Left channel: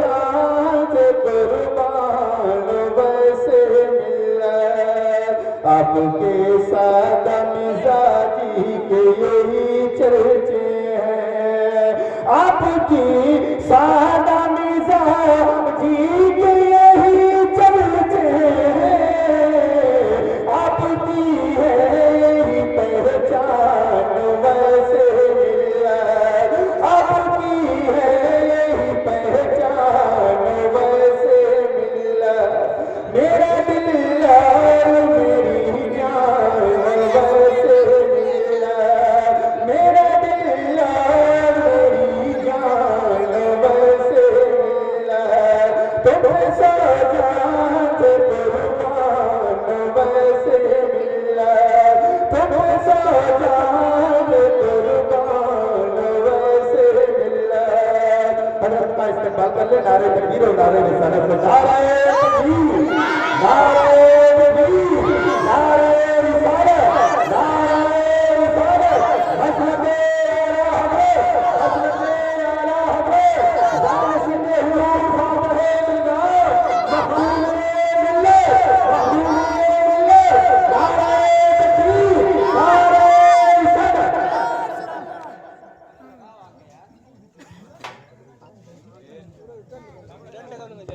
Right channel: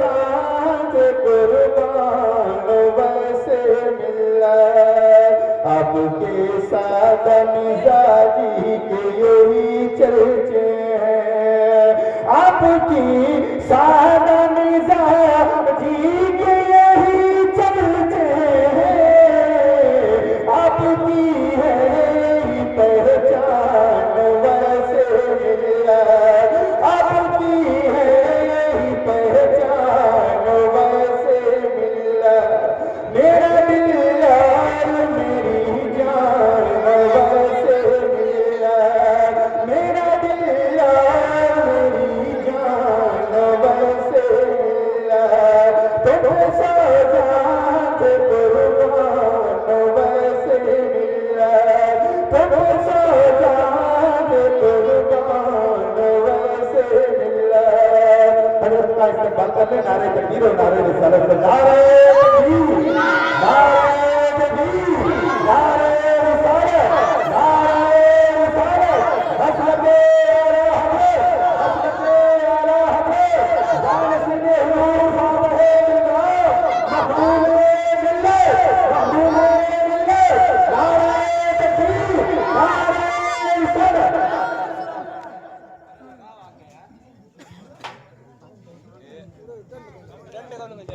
جان سے قربان ویسے ملا آپ کے سادہ مزاجی کے یہی چرچے ہیں آپ کی سادہ مزاجی کے یہی چرچے ہیں آپ کی ہے پہچان ویسے ملا آپ کی ہے پہچان ویسے ملا میرا دل یار میری جان ویسے ملا میرا دل یار میری جان ویسے ملا تم سا جان سے قربان ویسے ملا تم سا جان قربان ویسے ملا حضرت کا استقبال کر لیں نعرے تکبیر اور نعرے رسالت سے نعرے تکبیر نعرے تکبیر نعرے رسالت نعرے رسالت مسلک اعلی حضرت مسلک اعلی حضرت جانشین حضور صاحب مخدوم ملت نعرے تکبیر نعرے رسالت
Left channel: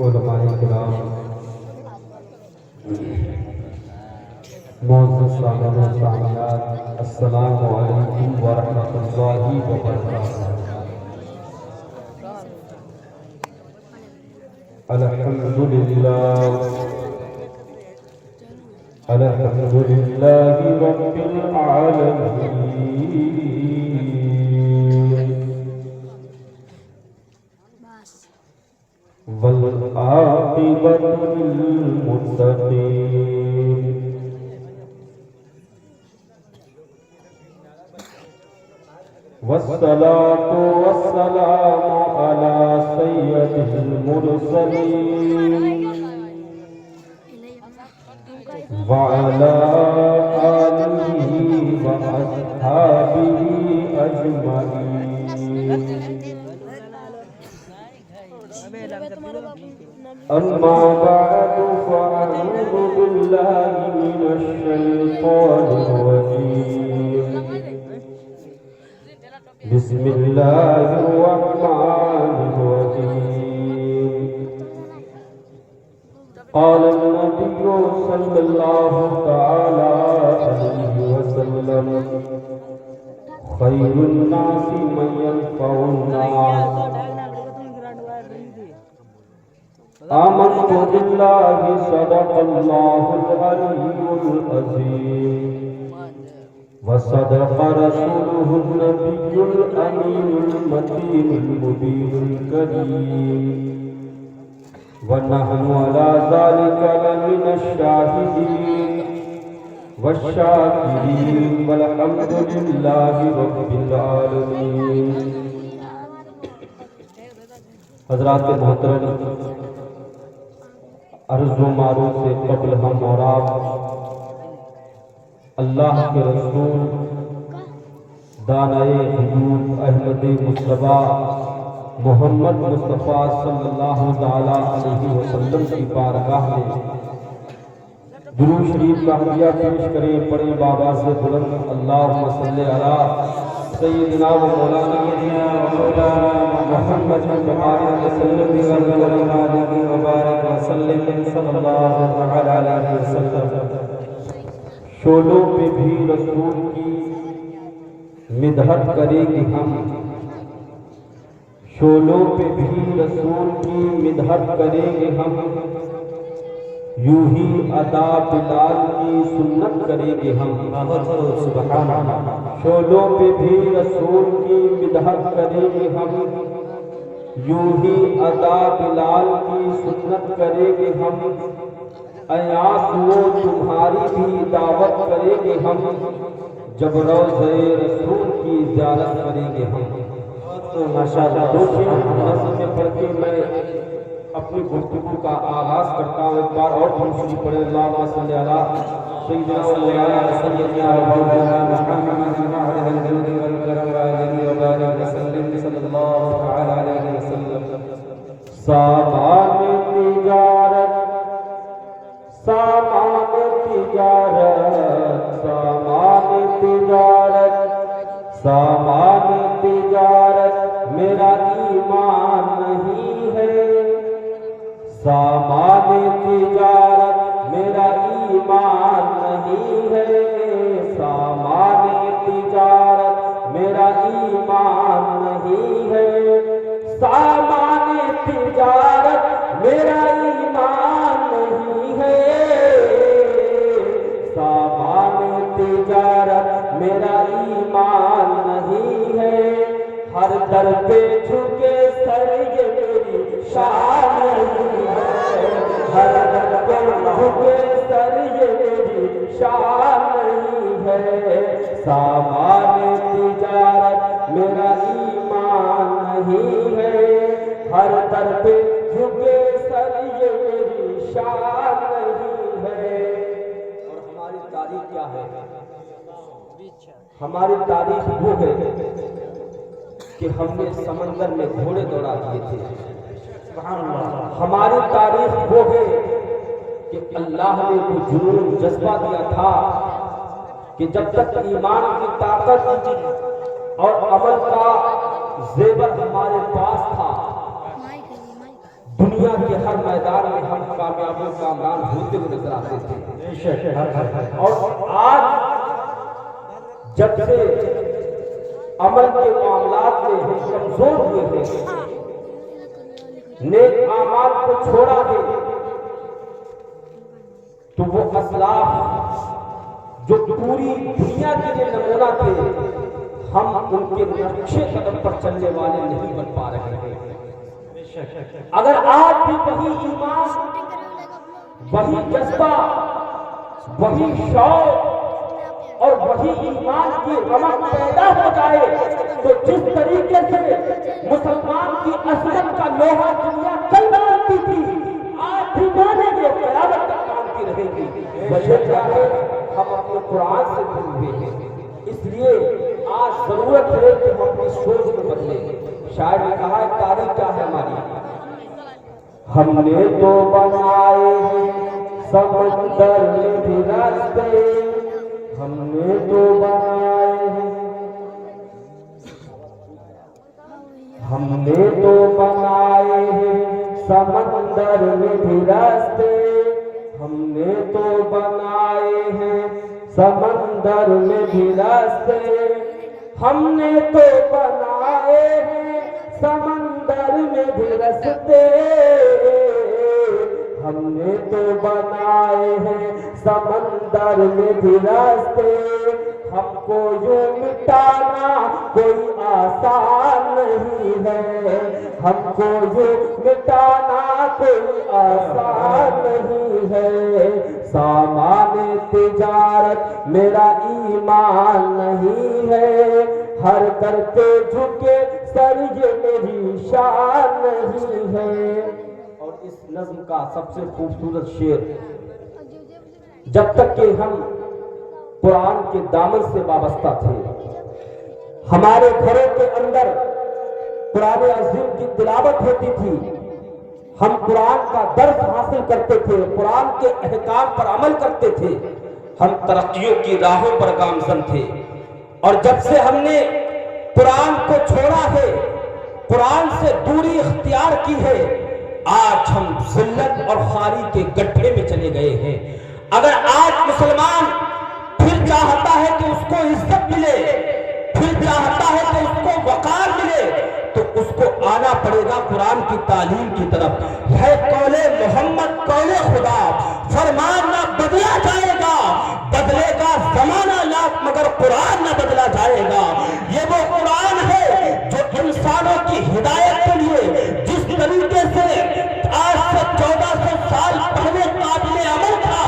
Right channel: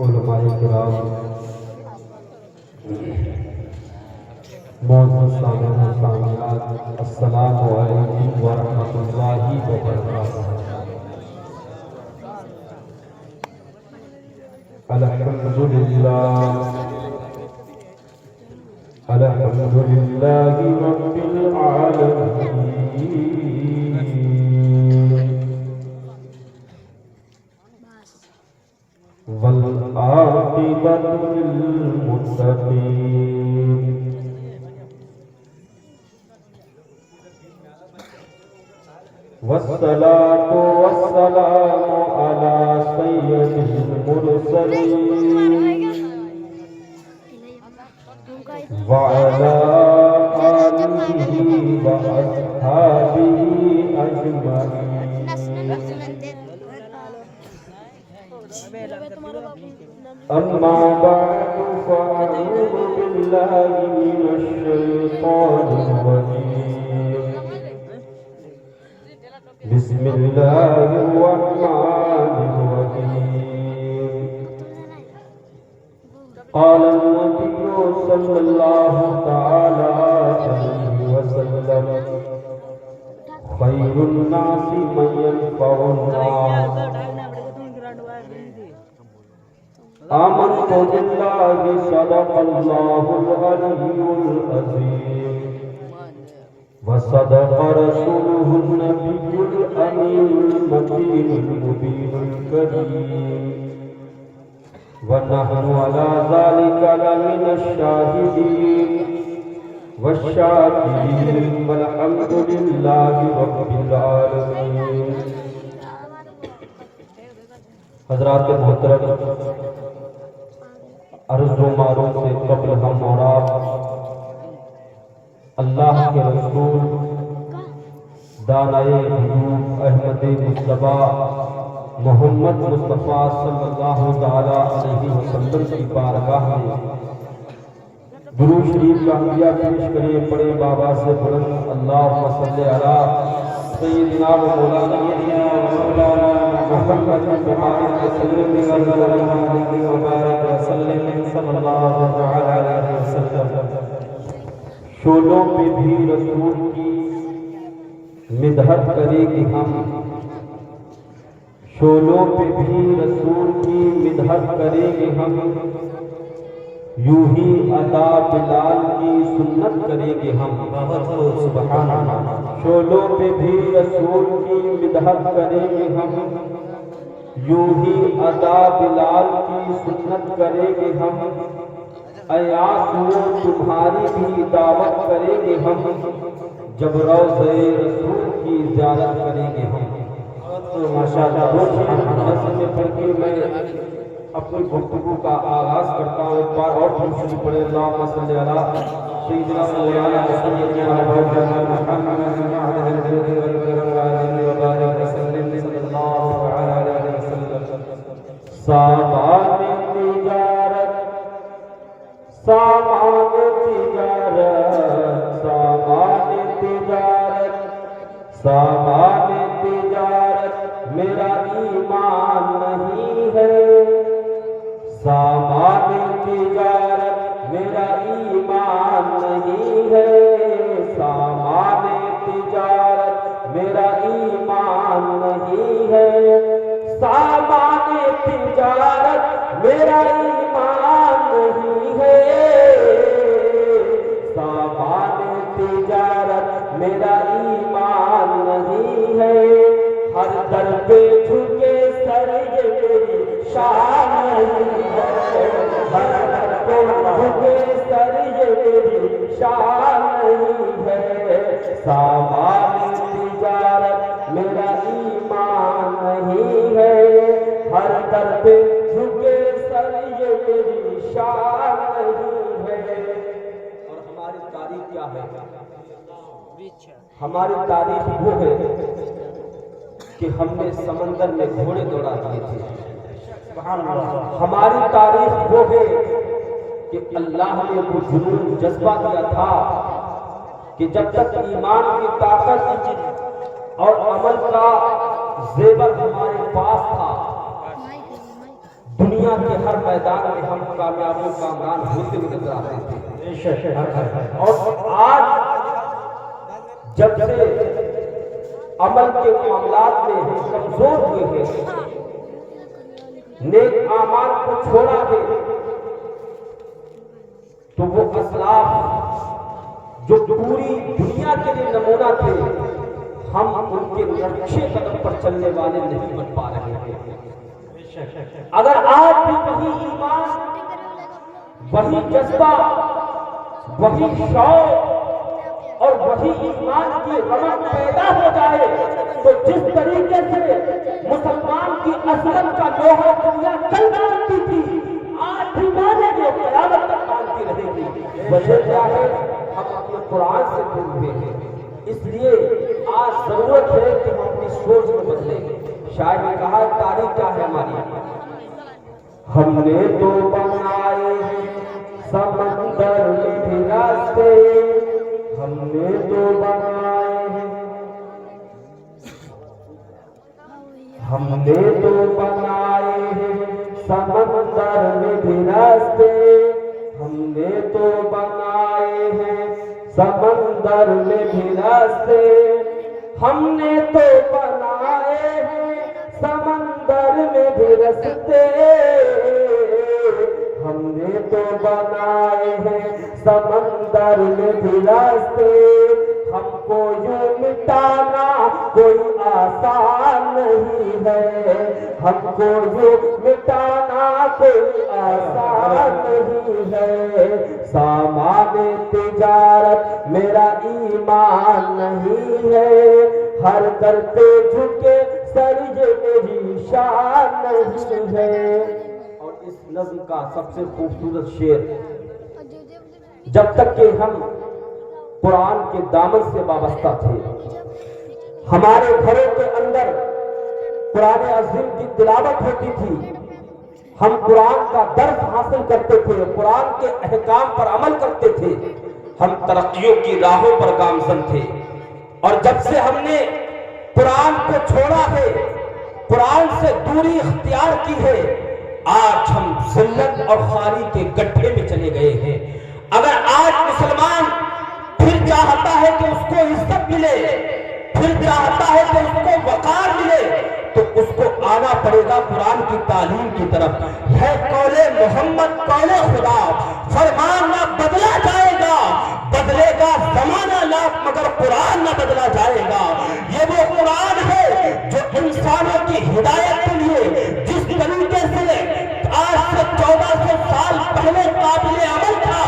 علماء کرام معزز سامعین و سامعات السلام علیکم ورحمۃ اللہ وبرکاتہ الحمدللہ رب العالمین والعاقبۃ للمتقین والصلاة والسلام على سيد المرسلين وعلى آله وأصحابه أجمعين أما بعد فأعوذ بالله من الشيطان الرجيم بسم الله الرحمن الرحيم قال النبي صلى الله تعالى عليه وسلم خير الناس من ينفع الناس آمنت بالله صدق الله العلي العظيم وصدق رسوله النبي الأمين المتين المبين الكريم ونحن على ذلك لمن الشاهدين والشاكرين والحمد لله رب العالمين حضرات محترم عرض و معروف سے قبل ہم اور آپ اللہ کے رسول دانائے حضور احمد مصطفیٰ محمد مصطفیٰ صلی اللہ تعالی علیہ وسلم کی بارگاہ میں درود شریف کا ہدیہ پیش کرے پڑے بابا سے بلند اللہم صلی علی سیدنا و مولانا محمد صلی اللہ علیہ وسلم۔ شعلوں پہ بھی رسول کی مدحت کریں گے ہم، شعلوں پہ بھی رسول کی مدحت کریں گے ہم، یوں ہی ادا بلال کی سنت کریں گے ہم۔ سبحان اللہ۔ شعلوں پہ بھی رسول کی مدحت کریں گے ہم، یوں ہی ادا بلال کی سنت کریں گے ہم، ایاس وہ تمہاری بھی دعوت کریں گے ہم، جب روضہ رسول کی زیارت کریں گے ہم۔ ماشاءاللہ میں پڑھ کے میں اپنی گفتگو کا آغاز کرتا ہوں۔ ایک بار اور دوسری پڑھے اللہم صلی علی سیدنا و مولانا سیدنا محمد صلی اللہ علیہ وسلم۔ سامان تجارت، سامان تجارت، سامان تجارت، سامان تجارت میرا ایمان نہیں ہے، سامان تجارت میرا ایمان نہیں ہے، سامان تجارت میرا ایمان نہیں ہے، سامان تجارت میرا ایمان نہیں ہے، سامان تجارت میرا ایمان نہیں ہے، ہر در پہ جھکے سر یہ میری شان نہیں ہے، ہر در پہ جھکے سر یہ میری شان نہیں ہے، سامان تجارت میرا ایمان نہیں ہے، ہر در پہ جھکے سر یہ میری شان نہیں ہے۔ اور ہماری تاریخ کیا ہے؟ ہماری تاریخ وہ ہے کہ ہم نے سمندر میں گھوڑے دوڑا دیے تھے، ہماری تاریخ وہ ہے کہ اللہ نے وہ جنون جذبہ دیا تھا کہ جب تک ایمان کی طاقت اور عمل کا زیور ہمارے پاس تھا، دنیا کے ہر میدان میں ہم کامیاب و کامران ہوتے ہوئے نظر آتے تھے۔ اور آج جب سے عمل کے معاملات میں ہم کمزور ہوئے ہیں، نیک اعمال کو چھوڑا ہے، تو وہ اسلاف جو پوری دنیا کے لیے نمونہ تھے، ہم ان کے نقشے قدم پر چلنے والے نہیں بن پا رہے ہیں۔ اگر آج بھی وہی ایمان، وہی جذبہ، وہی شوق اور وہی ایمان کی رمق پیدا ہو جائے تو جس طریقے سے مسلمان کی عظمت کا لوہا دنیا کل مانتی تھی، آج بھی مانے گے، قیامت تک مانتی رہے گی۔ وجہ کیا ہے؟ ہم اپنے قرآن سے دور ہوئے ہیں، اس لیے آج ضرورت ہے کہ ہم اپنی سوچ کو بدلیں۔ شاعر نے کہا ہے تاریخ کیا ہے ہماری؟ ہم نے تو بنائے ہیں سمندر میں بھی راستے، ہم نے تو بنائے ہیں، ہم نے تو بنائے ہیں سمندر میں بھی راستے، ہم نے تو بنائے ہیں سمندر میں بھی راستے، ہم نے تو بنائے ہیں سمندر میں بھی راستے، ہم نے تو بنائے ہیں سمندر میں بھی راستے، ہم کو یوں مٹانا کوئی آسان نہیں ہے، ہم کو یوں مٹانا کوئی آسان نہیں ہے، سامان تجارت میرا ایمان نہیں ہے، ہر در پہ جھکے سر یہ میری شان نہیں ہے۔ اور اس نظم کا سب سے خوبصورت شعر، جب تک کہ ہم قرآن کے دامن سے وابستہ تھے، ہمارے گھروں کے اندر قرآن عظیم کی تلاوت ہوتی تھی، ہم قرآن کا درس حاصل کرتے تھے، قرآن کے احکام پر عمل کرتے تھے، ہم ترقیوں کی راہوں پر گامزن تھے۔ اور جب سے ہم نے قرآن کو چھوڑا ہے، قرآن سے دوری اختیار کی ہے، آج ہم ذلت اور خواری کے گڈھے میں چلے گئے ہیں۔ اگر آج مسلمان پھر چاہتا ہے کہ اس کو عزت ملے، پھر چاہتا ہے کہ اس کو وقار ملے، تو اس کو آنا پڑے گا قرآن کی تعلیم کی طرف۔ ہے قول محمد قول خدا، فرمان نہ بدلا جائے گا، بدلے گا زمانہ لاکھ مگر قرآن نہ بدلا جائے گا۔ یہ وہ قرآن ہے جو انسانوں کی ہدایت کے لیے جس طریقے سے آج سے 1400 سال پہلے قابل عمل تھا،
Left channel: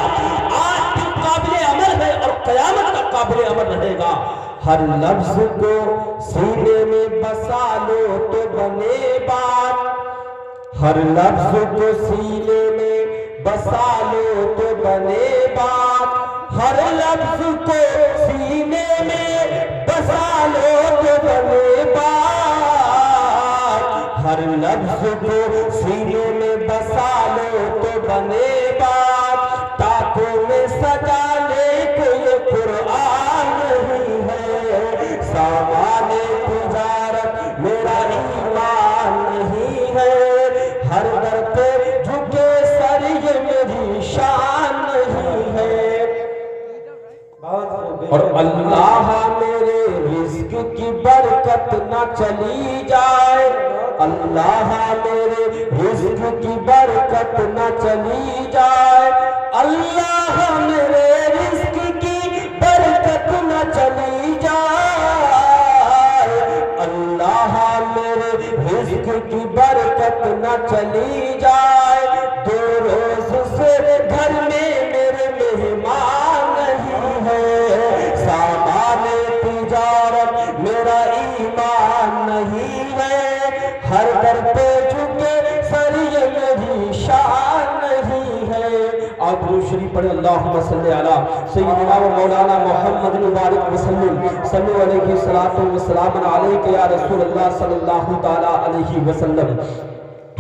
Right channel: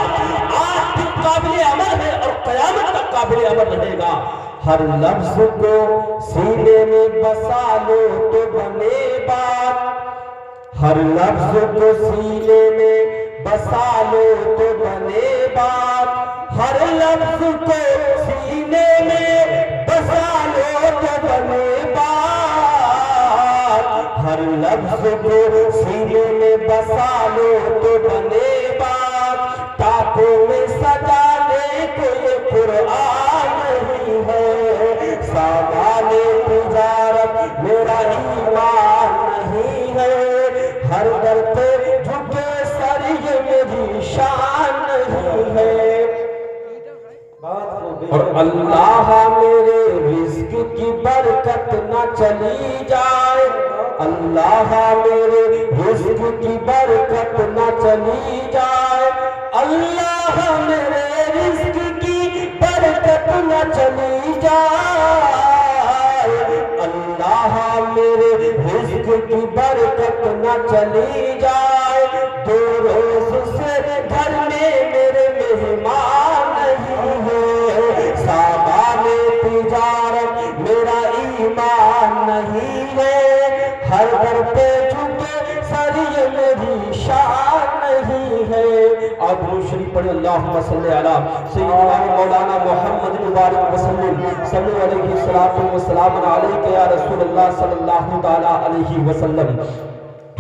آج بھی قابل عمل ہے اور قیامت تک قابل عمل رہے گا۔ ہر لفظ کو سینے میں بسا لو تو بنے بات، ہر لفظ کو سینے میں بسا لو تو بنے بات، ہر لفظ کو سینے میں بسا لو تو بنے بات، ہر لفظ کو سینے میں بسا لو تو بنے بات، ٹاکوں میں سجانے کو یہ قرآن نہیں ہے، سامان تجارت میرا ایمان نہیں ہے، ہر در پہ جھکے سر یہ میری شان نہیں ہے۔ اور اللہ میرے رزق کی برکت نہ چلی جائے، اللہ میرے رزق کی برکت نہ چلی جائے، اللہ میرے رزق کی برکت نہ چلی جائے، اللہ میرے رزق کی برکت نہ چلی جائے، دو روز سے گھر میں میرے مہمان نہیں ہے، سامان تجارت میرا ایمان نہیں ہے، ہر در پہ جھکے سر یہ میری شان نہیں ہے۔ اور درود شریف پڑھیں، اللہم صلی علی سیدنا و مولانا محمد مبارک وسلم، صلی علیہ الصلوۃ والسلام علیک یا رسول اللہ صلی اللہ تعالی علیہ وسلم۔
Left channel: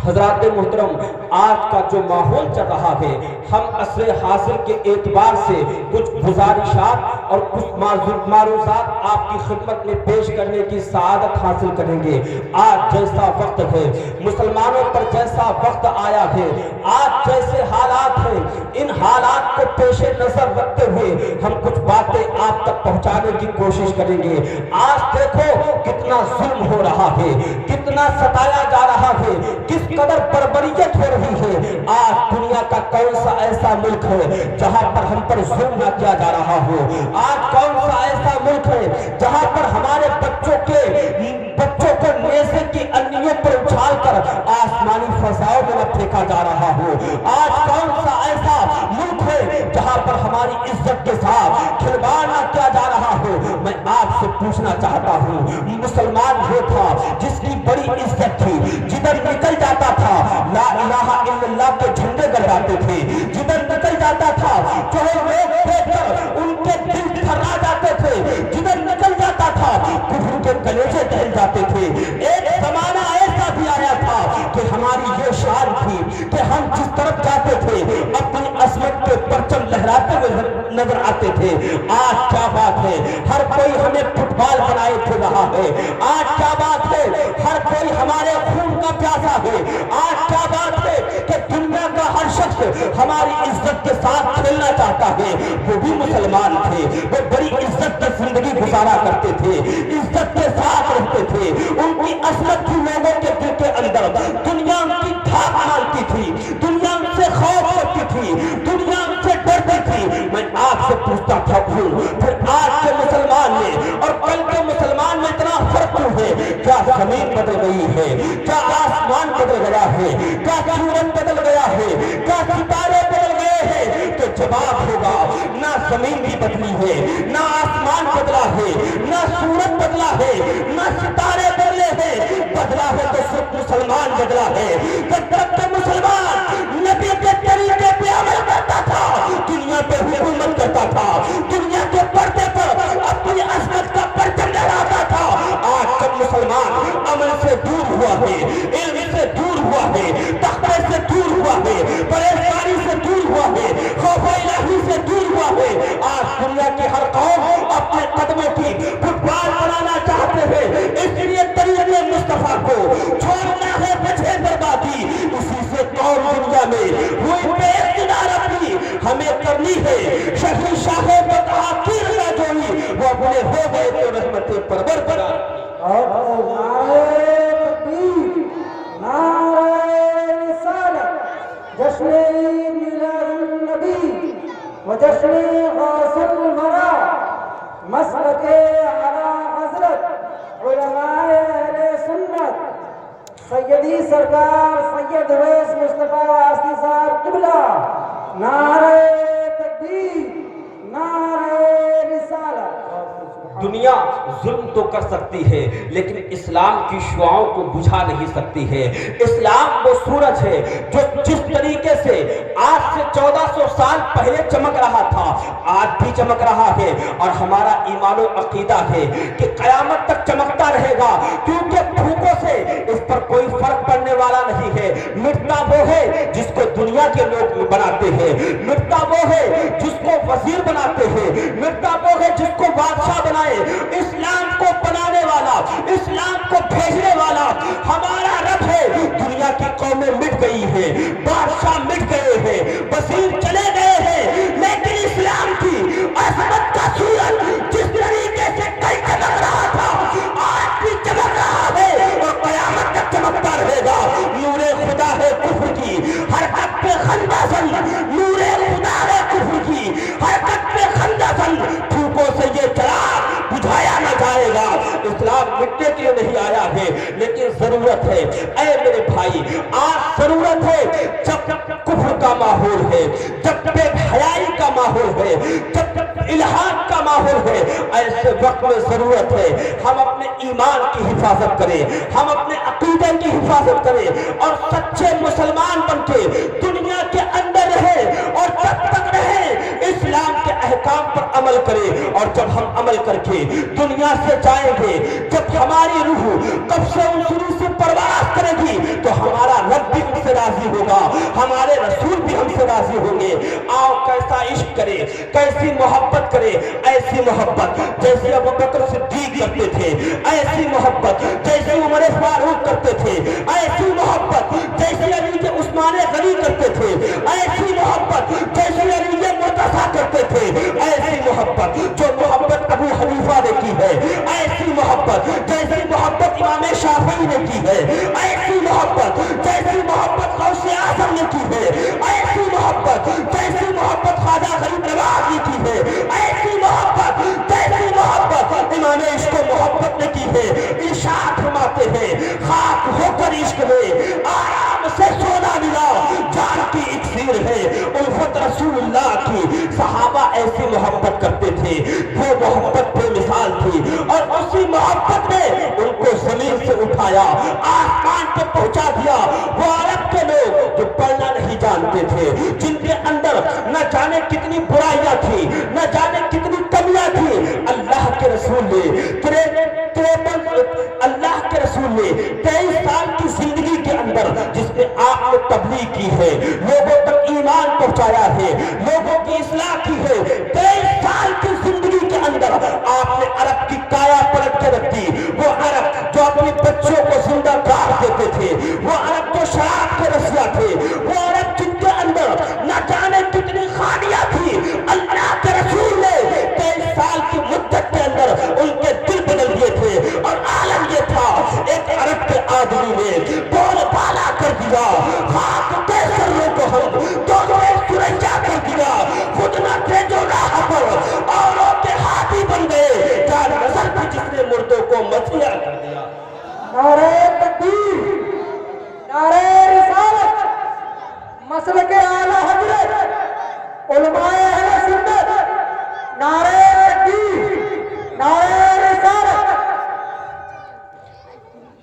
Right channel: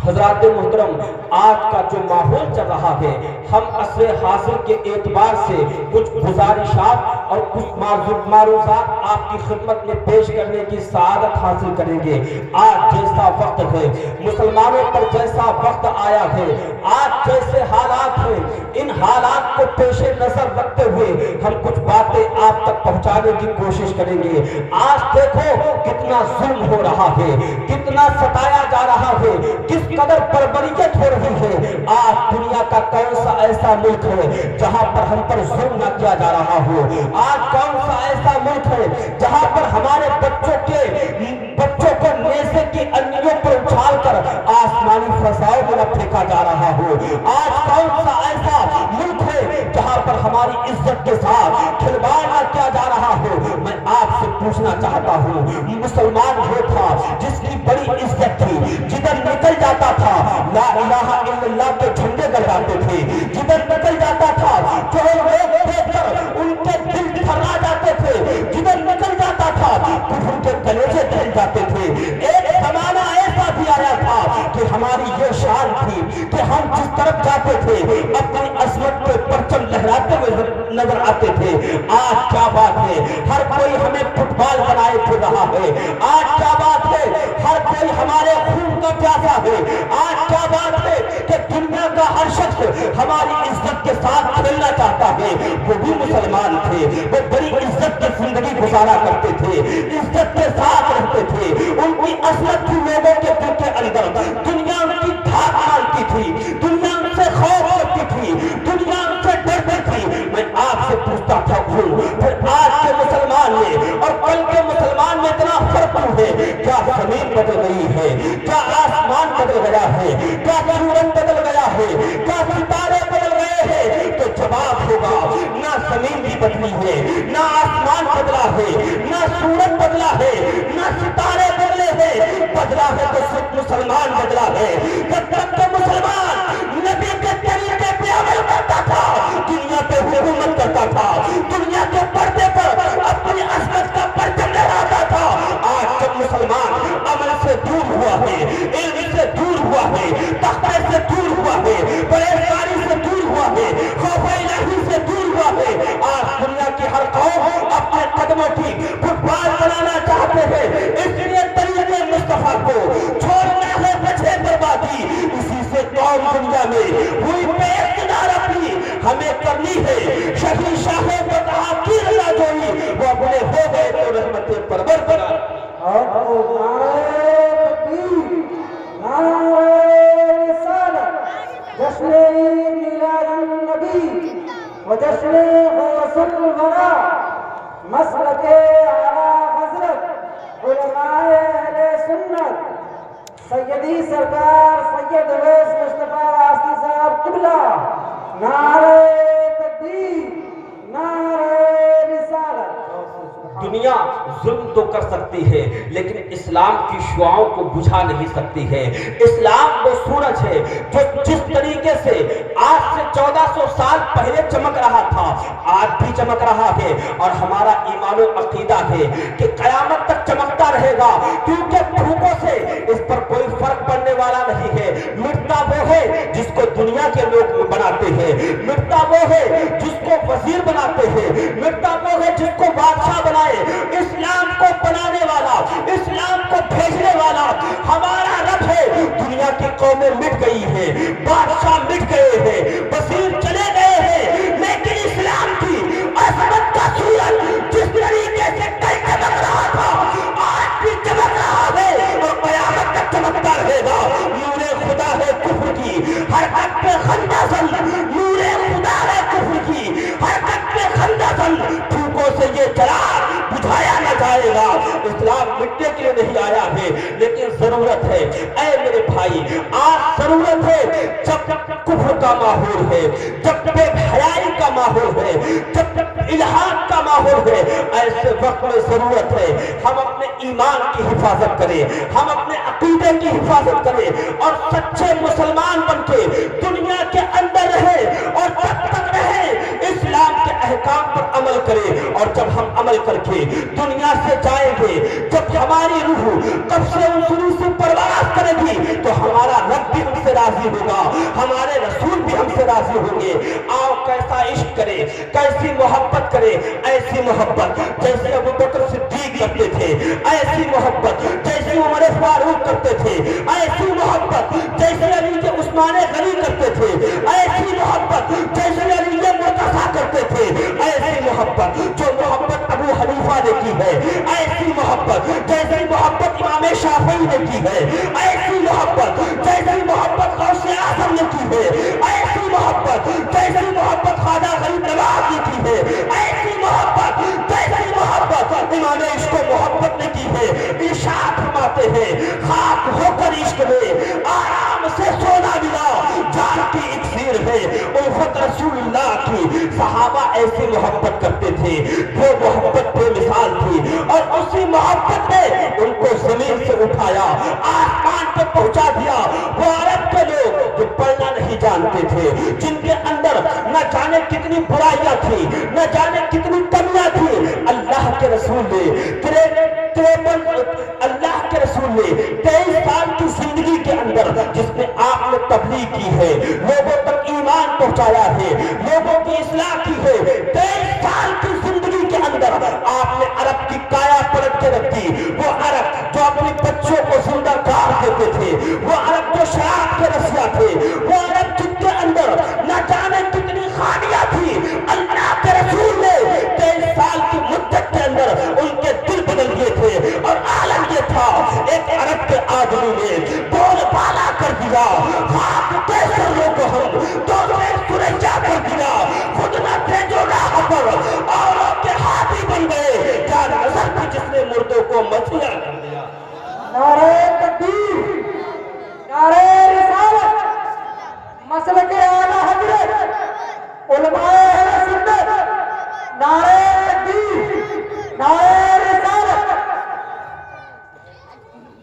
حضرات محترم، آج کا جو ماحول چل رہا ہے، ہم عصر حاضر کے اعتبار سے کچھ گزارشات اور کچھ معروضات آپ کی خدمت میں پیش کرنے کی سعادت حاصل کریں گے۔ آج جیسا وقت ہے، مسلمانوں پر جیسا وقت آیا ہے، آج جیسے حالات ہیں، ان حالات کو پیش نظر رکھتے ہوئے ہم کچھ باتیں آپ تک پہنچانے کی کوشش کریں گے۔ آج دیکھو کتنا ظلم ہو رہا ہے، کتنا ستایا جا رہا ہے، کس قدر بربریت ہو رہی ہے۔ آج دنیا کا کون سا ایسا ملک ہے جہاں پر ہم پر ظلم نہ کیا جا رہا ہو؟ آج کون سا ایسا ملک ہے جہاں پر ہمارے بچوں کو نیزے کی انیوں پر اچھال کر آسمانی فضاؤں میں نہ پھینکا جا رہا ہو؟ آج کون سا ایسا ملک ہے جہاں پر ہماری عزت کے ساتھ کھلواڑ نہ کیا جا رہا ہو؟ میں آپ سے پوچھنا چاہتا ہوں، مسلمان وہ تھا جس کی بڑی عزت تھی، جدھر نکل جاتا تھا لا الہ الا اللہ کے جھنڈے گڑھاتے تھے، جدھر نکل جاتا تھا جو لوگ دیکھ کر ان کے دل تھرا جاتے تھے، جدھر نکل جاتا تھا کفر کے کلیجے دہل جاتے تھے۔ ایک زمانہ ایسا بھی آیا تھا کہ ہماری یہ شان تھی کہ ہم جس طرف جاتے تھے اپنی عظمت کے پرچم لہراتے ہوئے نظر آتے تھے۔ آج کیا بات ہے، ہر کوئی ہمیں فٹ بال بنائے پھر رہا ہے۔ آج کیا بات ہے، ہر کوئی ہمارے خون کا پیاسا ہے۔ آج کیا بات ہے کہ دنیا کا ہر شخص ہماری عزت کے ساتھ کھیلنا چاہتا ہے۔ وہ بھی مسلمان تھے، وہ بڑی عزت کی زندگی گزارا کرتے تھے، عزت کے ساتھ رہتے تھے، ان کی عظمت تھی لوگوں کے دل کے اندر۔ دنیا ان کی دھاک مانتی تھی، دنیا ان سے خوف ہوتی تھی، دنیا ان سے ڈرتی تھی۔ میں آپ سے پوچھتا تھا پھر آج کے مسلمان میں اور کل کے مسلمان میں اتنا فرق ہے؟ کیا زمین بدل گئی ہے؟ کیا آسمان بدل گیا ہے؟ کیا سورج بدل گیا ہے؟ کیا ستارے بدل گئے ہیں؟ تو جواب ہوگا نہ زمین بھی بدلی ہے، نہ آسمان بدلا ہے، نہ سورج بدلا ہے، نہ ستارے بدلے ہیں، بدلا ہے تو صرف مسلمان بدلا ہے۔ جب تک کہ مسلمان نبی کے طریقے پہ عمل کرتا تھا، دنیا پہ حکومت کرتا تھا، دنیا کے پردے پر اپنی عظمت کا پرچم لہراتا تھا۔ آج جب مسلمان عمل سے دور ہوا ہے، علم سے دور ہوا ہے، تقوی سے دور ہوا ہے، پرہیزگاری سے دور ہوا ہے، خوف الہی سے دور ہوا ہے، آج دنیا کی ہر قوم اپنے قدموں کی فٹ بال بنانا چاہتے ہیں۔ قوم دنیا میں ہوئی بے اقتدار اپنی ہمیں کرنی ہے شہی شاہوں کو کی رضا جوئی وہ اپنے ہو گئے تو رحمت پرور کرا اور نعرہ رسالت جشن میلاد النبی و جشن غوث الورا مسلک اعلیٰ حضرت علماء اہل سنت سیدی سرکار سید اویس مصطفیٰ واسطی صاحب قبلہ نعرہ تکبیر نعرہ رسالت دنیا ظلم تو کر سکتی ہے لیکن اسلام کی شعاعوں کو بجھا نہیں سکتی ہے اسلام وہ سورج ہے جو جس طریقے سے آج سے 1400 سال پہلے چمک رہا تھا آج بھی چمک رہا ہے اور ہمارا ایمان و عقیدہ ہے کہ قیامت تک چمکتا رہے گا کیونکہ دھوپوں سے اس پر کوئی فرق پڑنے والا نہیں ہے مٹتا وہ ہے جس کو دنیا کے لوگ بناتے ہیں مٹتا وہ ہے جس کو وزیر بناتے ہیں مٹتا وہ ہے جس کو بادشاہ بنائے اسلام کو بنانے والا اسلام کو بھیجنے والا ہمارا رب ہے دنیا کی قومیں مٹ گئی ہیں بادشاہ مٹ گئے ہیں وزیر چلے گئے ہیں لیکن اسلام کی عظمت کا سورج جس طریقے سے کل چمک رہا تھا آج بھی چمک رہا ہے اور قیامت تک چمکتا رہے گا نور خدا ہے کفر کی حرکت پہ خندہ زن نور خدا ہے کفر کی حرکت پہ خندہ زن دھوپوں سے یہ چراغ بجھایا نہ جائے گا اسلام مٹنے کے لیے نہیں آیا ہے لیکن ضرورت ہے اے میرے بھائی آج ضرورت ہے جب کفر کا ماحول ہے جب بے حیائی کا ماحول ہے جب الہاد کا ماحول ہے ایسے وقت میں ضرورت ہے ہم اپنے ایمان کی حفاظت کریں ہم اپنے عقیدے کی حفاظت کریں اور سچے مسلمان بن کے دنیا کے اندر رہے اور جب تک رہے اسلام کے احکام پر عمل کریں اور جب ہم عمل کر کے دنیا سے جائیں گے جب ہماری روح تب سے ان شروع سے پرواز کرے گی تو ہمارا رب بھی ہم سے راضی ہوگا ہمارے رسول بھی ہم سے راضی ہوں گے آؤ کیسا عشق کرے کیسی محبت کرے ایسی محبت جیسے ابو بکر صدیق کرتے تھے ایسی محبت جیسے عمر فاروق کرتے تھے ایسی محبت جیسے علی عثمان غنی کرتے تھے ایسی محبت جیسے علی مرتضیٰ کرتے تھے ایسی محبت جو محبت ابو حنیفہ نے کی ہے ایسی محبت جیسی محبت امام شافعی نے کی ہے ایسی محبت جیسی محبت غوث اعظم نے کی ہے ایسی محبت جیسی محبت خواجہ غریب نواز نے کی ہے ایسی محبت جیسی محبت امام عشق و محبت نے کی ہے ارشاد فرماتے ہیں خاک ہو کر عشق میں آرام سے سونا ملا جان کی اکسیر ہے الفت رسول اللہ کی صحابہ ایسی محبت کرتے تھے وہ محبت بے مثال تھی اور اسی محبت میں ان کو زمین سے اٹھایا آسمان پہ پہنچا دیا وہ عرب کے لوگ جو پڑھنا نہیں جانتے تھے جن کے اندر نہ جانے کتنی برائیاں تھی نہ جانے کتنی کمیاں تھی اللہ کے رسول نے اللہ کے رسول نے 23 سال کی زندگی کے اندر جس میں آپ نے تبلیغ کی ہے لوگوں تک ایمان پہنچایا ہے لوگوں کی اصلاح کی ہے 23 سال کی زندگی کے اندر آپ نے عرب کی کایا پلٹ کے رکھ دی وہ عرب جو اپنے بچوں کو زندہ گاڑ دیتے تھے وہ عرب جو شراب کے رسیا تھے وہ عرب جن کے اندر نہ جانے کتنی خانیاں تھی اللہ کے رسول نے 23 سال کی مدت کے اندر ان کے دل بدل گئے تھے اور عالم یہ تھا ایک عرب کے آدمی نے بول بالا کر دیا خاک کیسے لوگوں ہم دونوں ایک سرجا کر دیا خود نہ تھے جو راہ پر اوروں کے ہاتھی بن گئے جان نظر بھی جس نے مردوں کو مچھیا کر دیا نعرہ تکبیر نعرہ رسالت مسلک اعلیٰ حضرت علماء اہل سنت نعرہ تکبیر نعرہ رسالت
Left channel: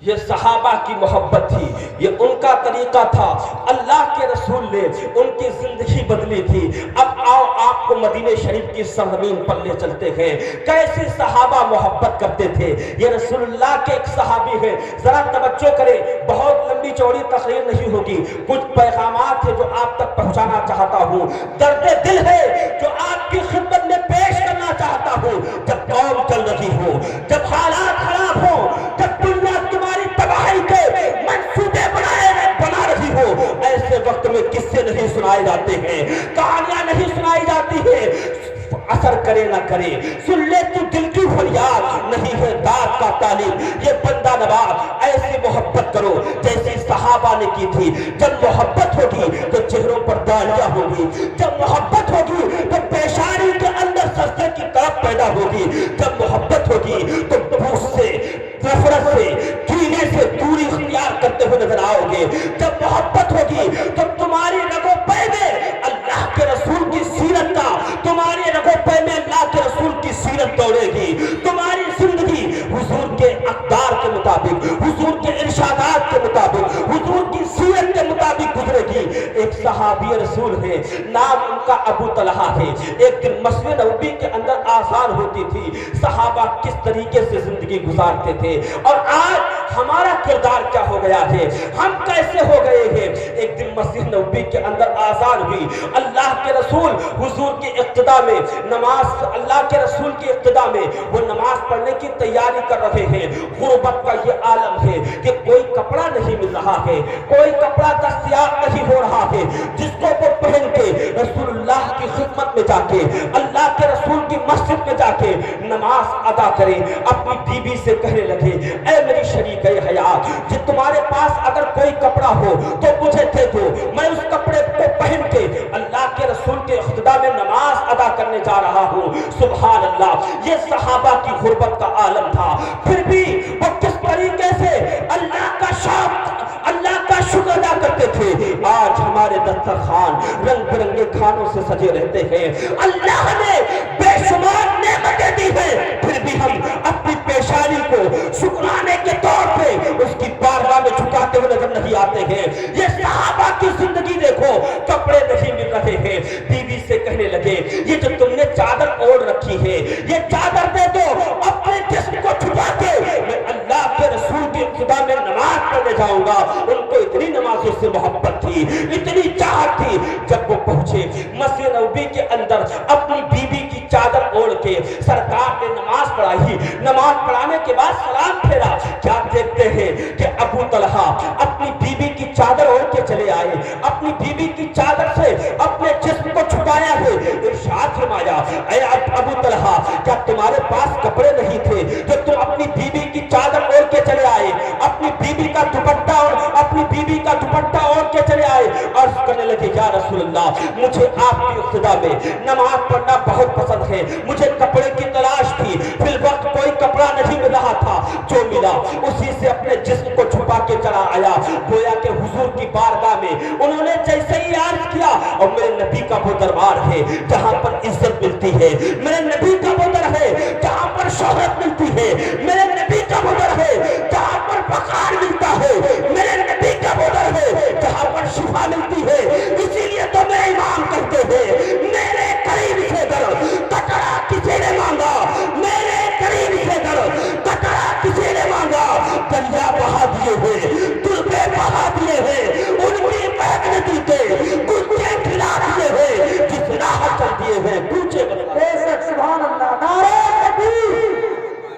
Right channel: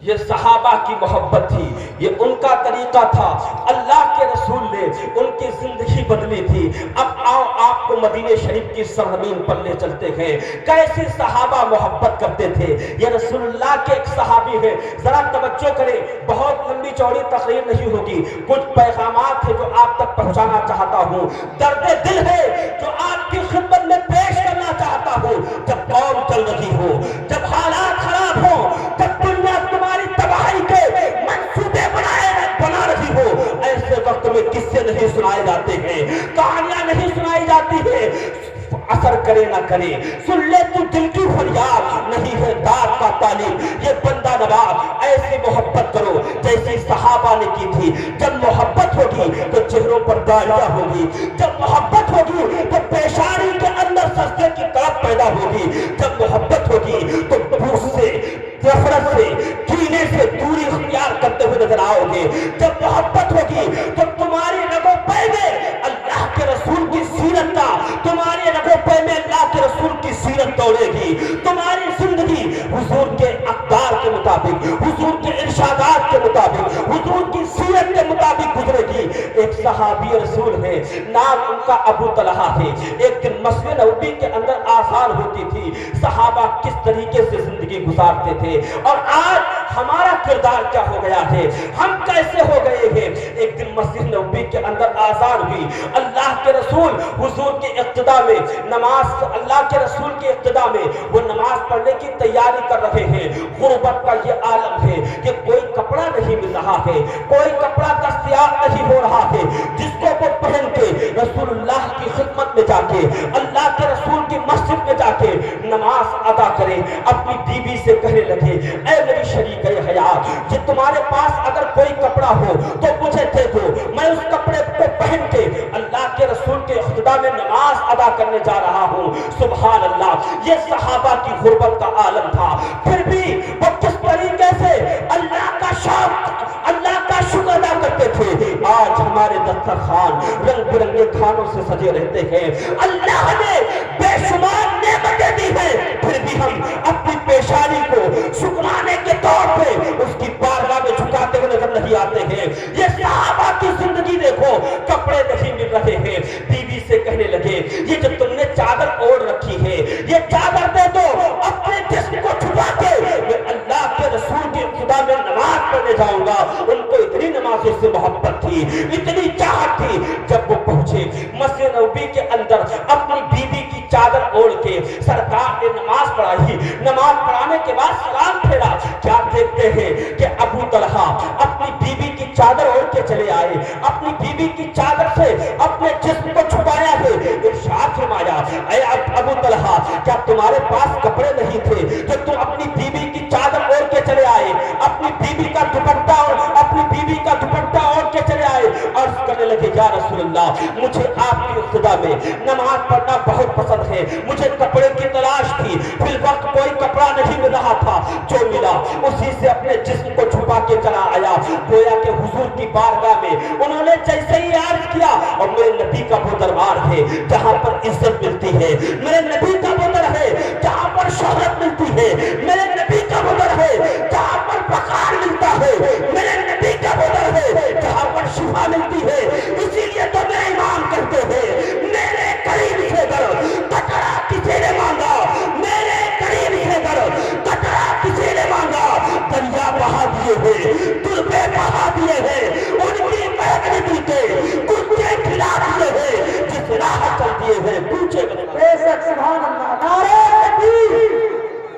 یہ صحابہ کی محبت تھی یہ ان کا طریقہ تھا اللہ کے رسول نے ان کی زندگی بدلی تھی اب آؤ آپ کو مدینہ شریف کی سرزمین پر لے چلتے ہیں کیسے صحابہ محبت کرتے تھے یہ رسول اللہ کے ایک صحابی ہیں ذرا توجہ کریں بہت لمبی چوڑی تقریر نہیں ہوگی کچھ پیغامات ہیں جو آپ تک پہنچانا چاہتا ہوں درد دل ہے جو آپ کی خدمت میں پیش کرنا چاہتا ہوں جب قوم چل رہی ہو جب حالات خراب ہو جب دنیا تمہاری تباہی کے منصوبے بنا رہی ہو ایسے وقت تمہیں قصے نہیں سنائے جاتے ہیں، کہانیاں نہیں سنائی جاتی ہیں، اثر کرے نہ کرے، سن لے تو دل کی فریاد، نہیں ہے داد کا طالب یہ بندہ نواز۔ ایسے محبت کرو جیسے صحابہ نے کی تھی۔ جب محبت ہوگی تو چہروں پر داڑیاں ہوگی، جب محبت ہوگی تو پیشانی کے اندر سجدے کی طرف پیدا ہوگی، جب محبت ہوگی تو بغض سے، نفرت سے، کینے سے دوری اختیار کرتے ہوئے نظر آؤ گے، جب محبت ہوگی تو تمہاری رگوں پہ میں اللہ کے رسول کی سیرت کا، تمہاری رگوں پہ میں اللہ کے رسول کی سیرت دوڑے گی، تمہاری زندگی حضور کے اقدار کے مطابق، حضور کے ارشادات کے مطابق، حضور کی سیرت کے مطابق گزرے گی۔ ایک صحابی رسول ہے، نام ان کا ابو طلحہ ہے۔ ایک دن مسجد نبوی کے اندر آذان ہوتی تھی، صحابہ کس طریقے سے زندگی گزارتے تھے اور آج ہمارا کردار کیا ہو گیا ہے، ہم کیسے ہو گئے ہیں۔ ایک دن مسجد نبوی کے اندر آذان ہوئی، اللہ کے رسول حضور کے اقتداء میں نماز، اللہ کے رسول کے اقتداء میں وہ نماز پڑھنے کی تیاری کر رہے ہیں۔ غربت کا یہ عالم ہے کہ کوئی کپڑا نہیں مل رہا ہے، کوئی کپڑا دستیاب نہیں ہو رہا ہے جس کو وہ پہن کے رسول اللہ کی خدمت میں جا کے، اللہ کے رسول کی مسجد میں جا کے نماز ادا کرے۔ اپنی بیوی سے کہنے لگے، اے میری شریک حیات، جی تمہارے پاس اگر کوئی کپڑا ہو تو مجھے دے دو، میں اس کپڑے کو پہن کے اللہ کے رسول کے اقتداء میں نماز ادا کرنے جا رہا ہوں۔ سبحان اللہ، یہ صحابہ کی غربت کا عالم تھا، پھر بھی وہ کس طریقے سے اللہ کا شکر ادا کرتے تھے۔ آج ہمارے دسترخوان رنگ برنگے کھانوں سے سجے رہتے ہیں، اللہ نے بے شمار نعمتیں دی ہیں، پھر بھی ہم اپنی پیشانی کو شکرانے کے طور پہ اس کی بارگاہ میں جھکاتے ہوئے نظر نہیں آتے ہیں۔ یہ صحابہ کی زندگی دیکھو، کپڑے نہیں مل رہے ہیں، بیوی سے کہنے لگے، یہ جو تم نے چادر اوڑھ رکھی ہے یہ چادر دے دو، اپنے جسم کو چھپا کے میں اللہ کے رسول کے اقتداء میں نماز پڑھنے جاؤں گا۔ ان کو اتنی نمازوں سے محبت تھی، اتنی چاہت تھی، جب وہ پہنچے مسجد نبوی کے اندر اپنی بیوی کی چادر اوڑھ کے سرکار نے نماز پڑھائی۔ نماز پڑھانے کے بعد سلام پھیرا، کیا دیکھتے ہیں کہ ابو طلحہ اپنی بیوی کی چادر اوڑھ کے چلے آئے، اپنی بیوی کی چادر سے اپنے جسم کو چھپایا ہے۔ ارشاد فرمایا، اے ابو طلحہ، کیا تمہارے پاس کپڑے نہیں تھے کہ تم اپنی بیوی کی چادر اوڑھ کے چلے آئے، اپنی بیوی کا دوپٹہ اوڑھ کے چلے آئے؟ عرض کرنے لگے، یا رسول اللہ، مجھے آپ کی اقتداء میں نماز پڑھنا بہت پسند ہے، مجھے کپڑے کی تلاش تھی، فی الوقت کوئی کپڑا نہیں مل رہا تھا، جو ملا اسی سے اپنے جسم کو چھپا کے چلا آیا۔ گویا کہ حضور کی بارگاہ میں انہوں نے جیسے ہی عرض کیا، اور میرے نبی کا وہ دربار ہے جہاں پر عزت ملتی ہے، میرے نبی کا وہ در ہے جہاں پر شہرت ملتی ہے، میرے نبی کا وہ در ہے جہاں پر وقار ملتا ہے، میرے نبی کا وہ در ہے جہاں پر شفا ملتی ہے۔ اسی لیے تو میرے امام کہتے ہیں، میرے قریب سے در کٹڑا کسی نے مانگا، میرے قریب سے در کٹڑا کسی نے مانگا، دریا بہا دیے ہیں، دلبے بہا دیے ہیں، ان کی محنتی کے کچھے کھلا دیے ہیں، جس راہ چل دیے ہیں پوچھے بے شک۔ سبحان اللہ، نعرہ تکبیر،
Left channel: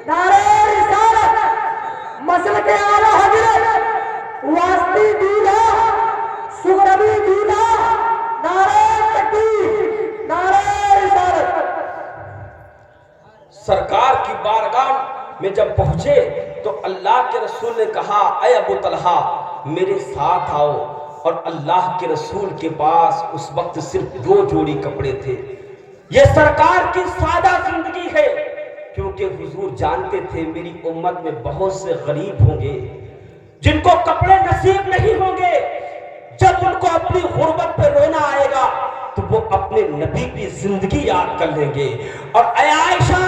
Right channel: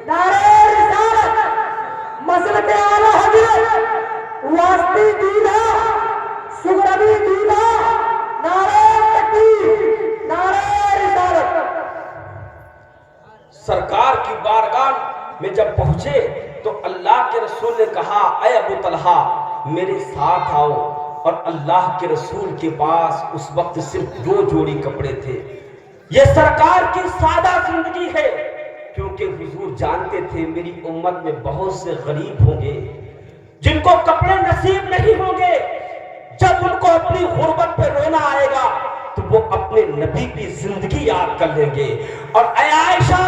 نعرہ رسالت، مسلک اعلیٰ حضرت واسطی دیدہ سغروی دیدہ، نعرہ تکبیر، نعرہ رسالت۔ سرکار کی بارگاہ میں جب پہنچے تو اللہ کے رسول نے کہا، اے ابو طلحہ میرے ساتھ آؤ۔ اور اللہ کے رسول کے پاس اس وقت صرف 2 جوڑی کپڑے تھے۔ یہ سرکار کی سادہ زندگی ہے، کیونکہ حضور جانتے تھے میری امت میں بہت سے غریب ہوں گے جن کو کپڑے نصیب نہیں ہوں گے۔ جب ان کو اپنی غربت پہ رونا آئے گا تو وہ اپنے نبی کی زندگی یاد کر لیں گے۔ اور اے عائشہ،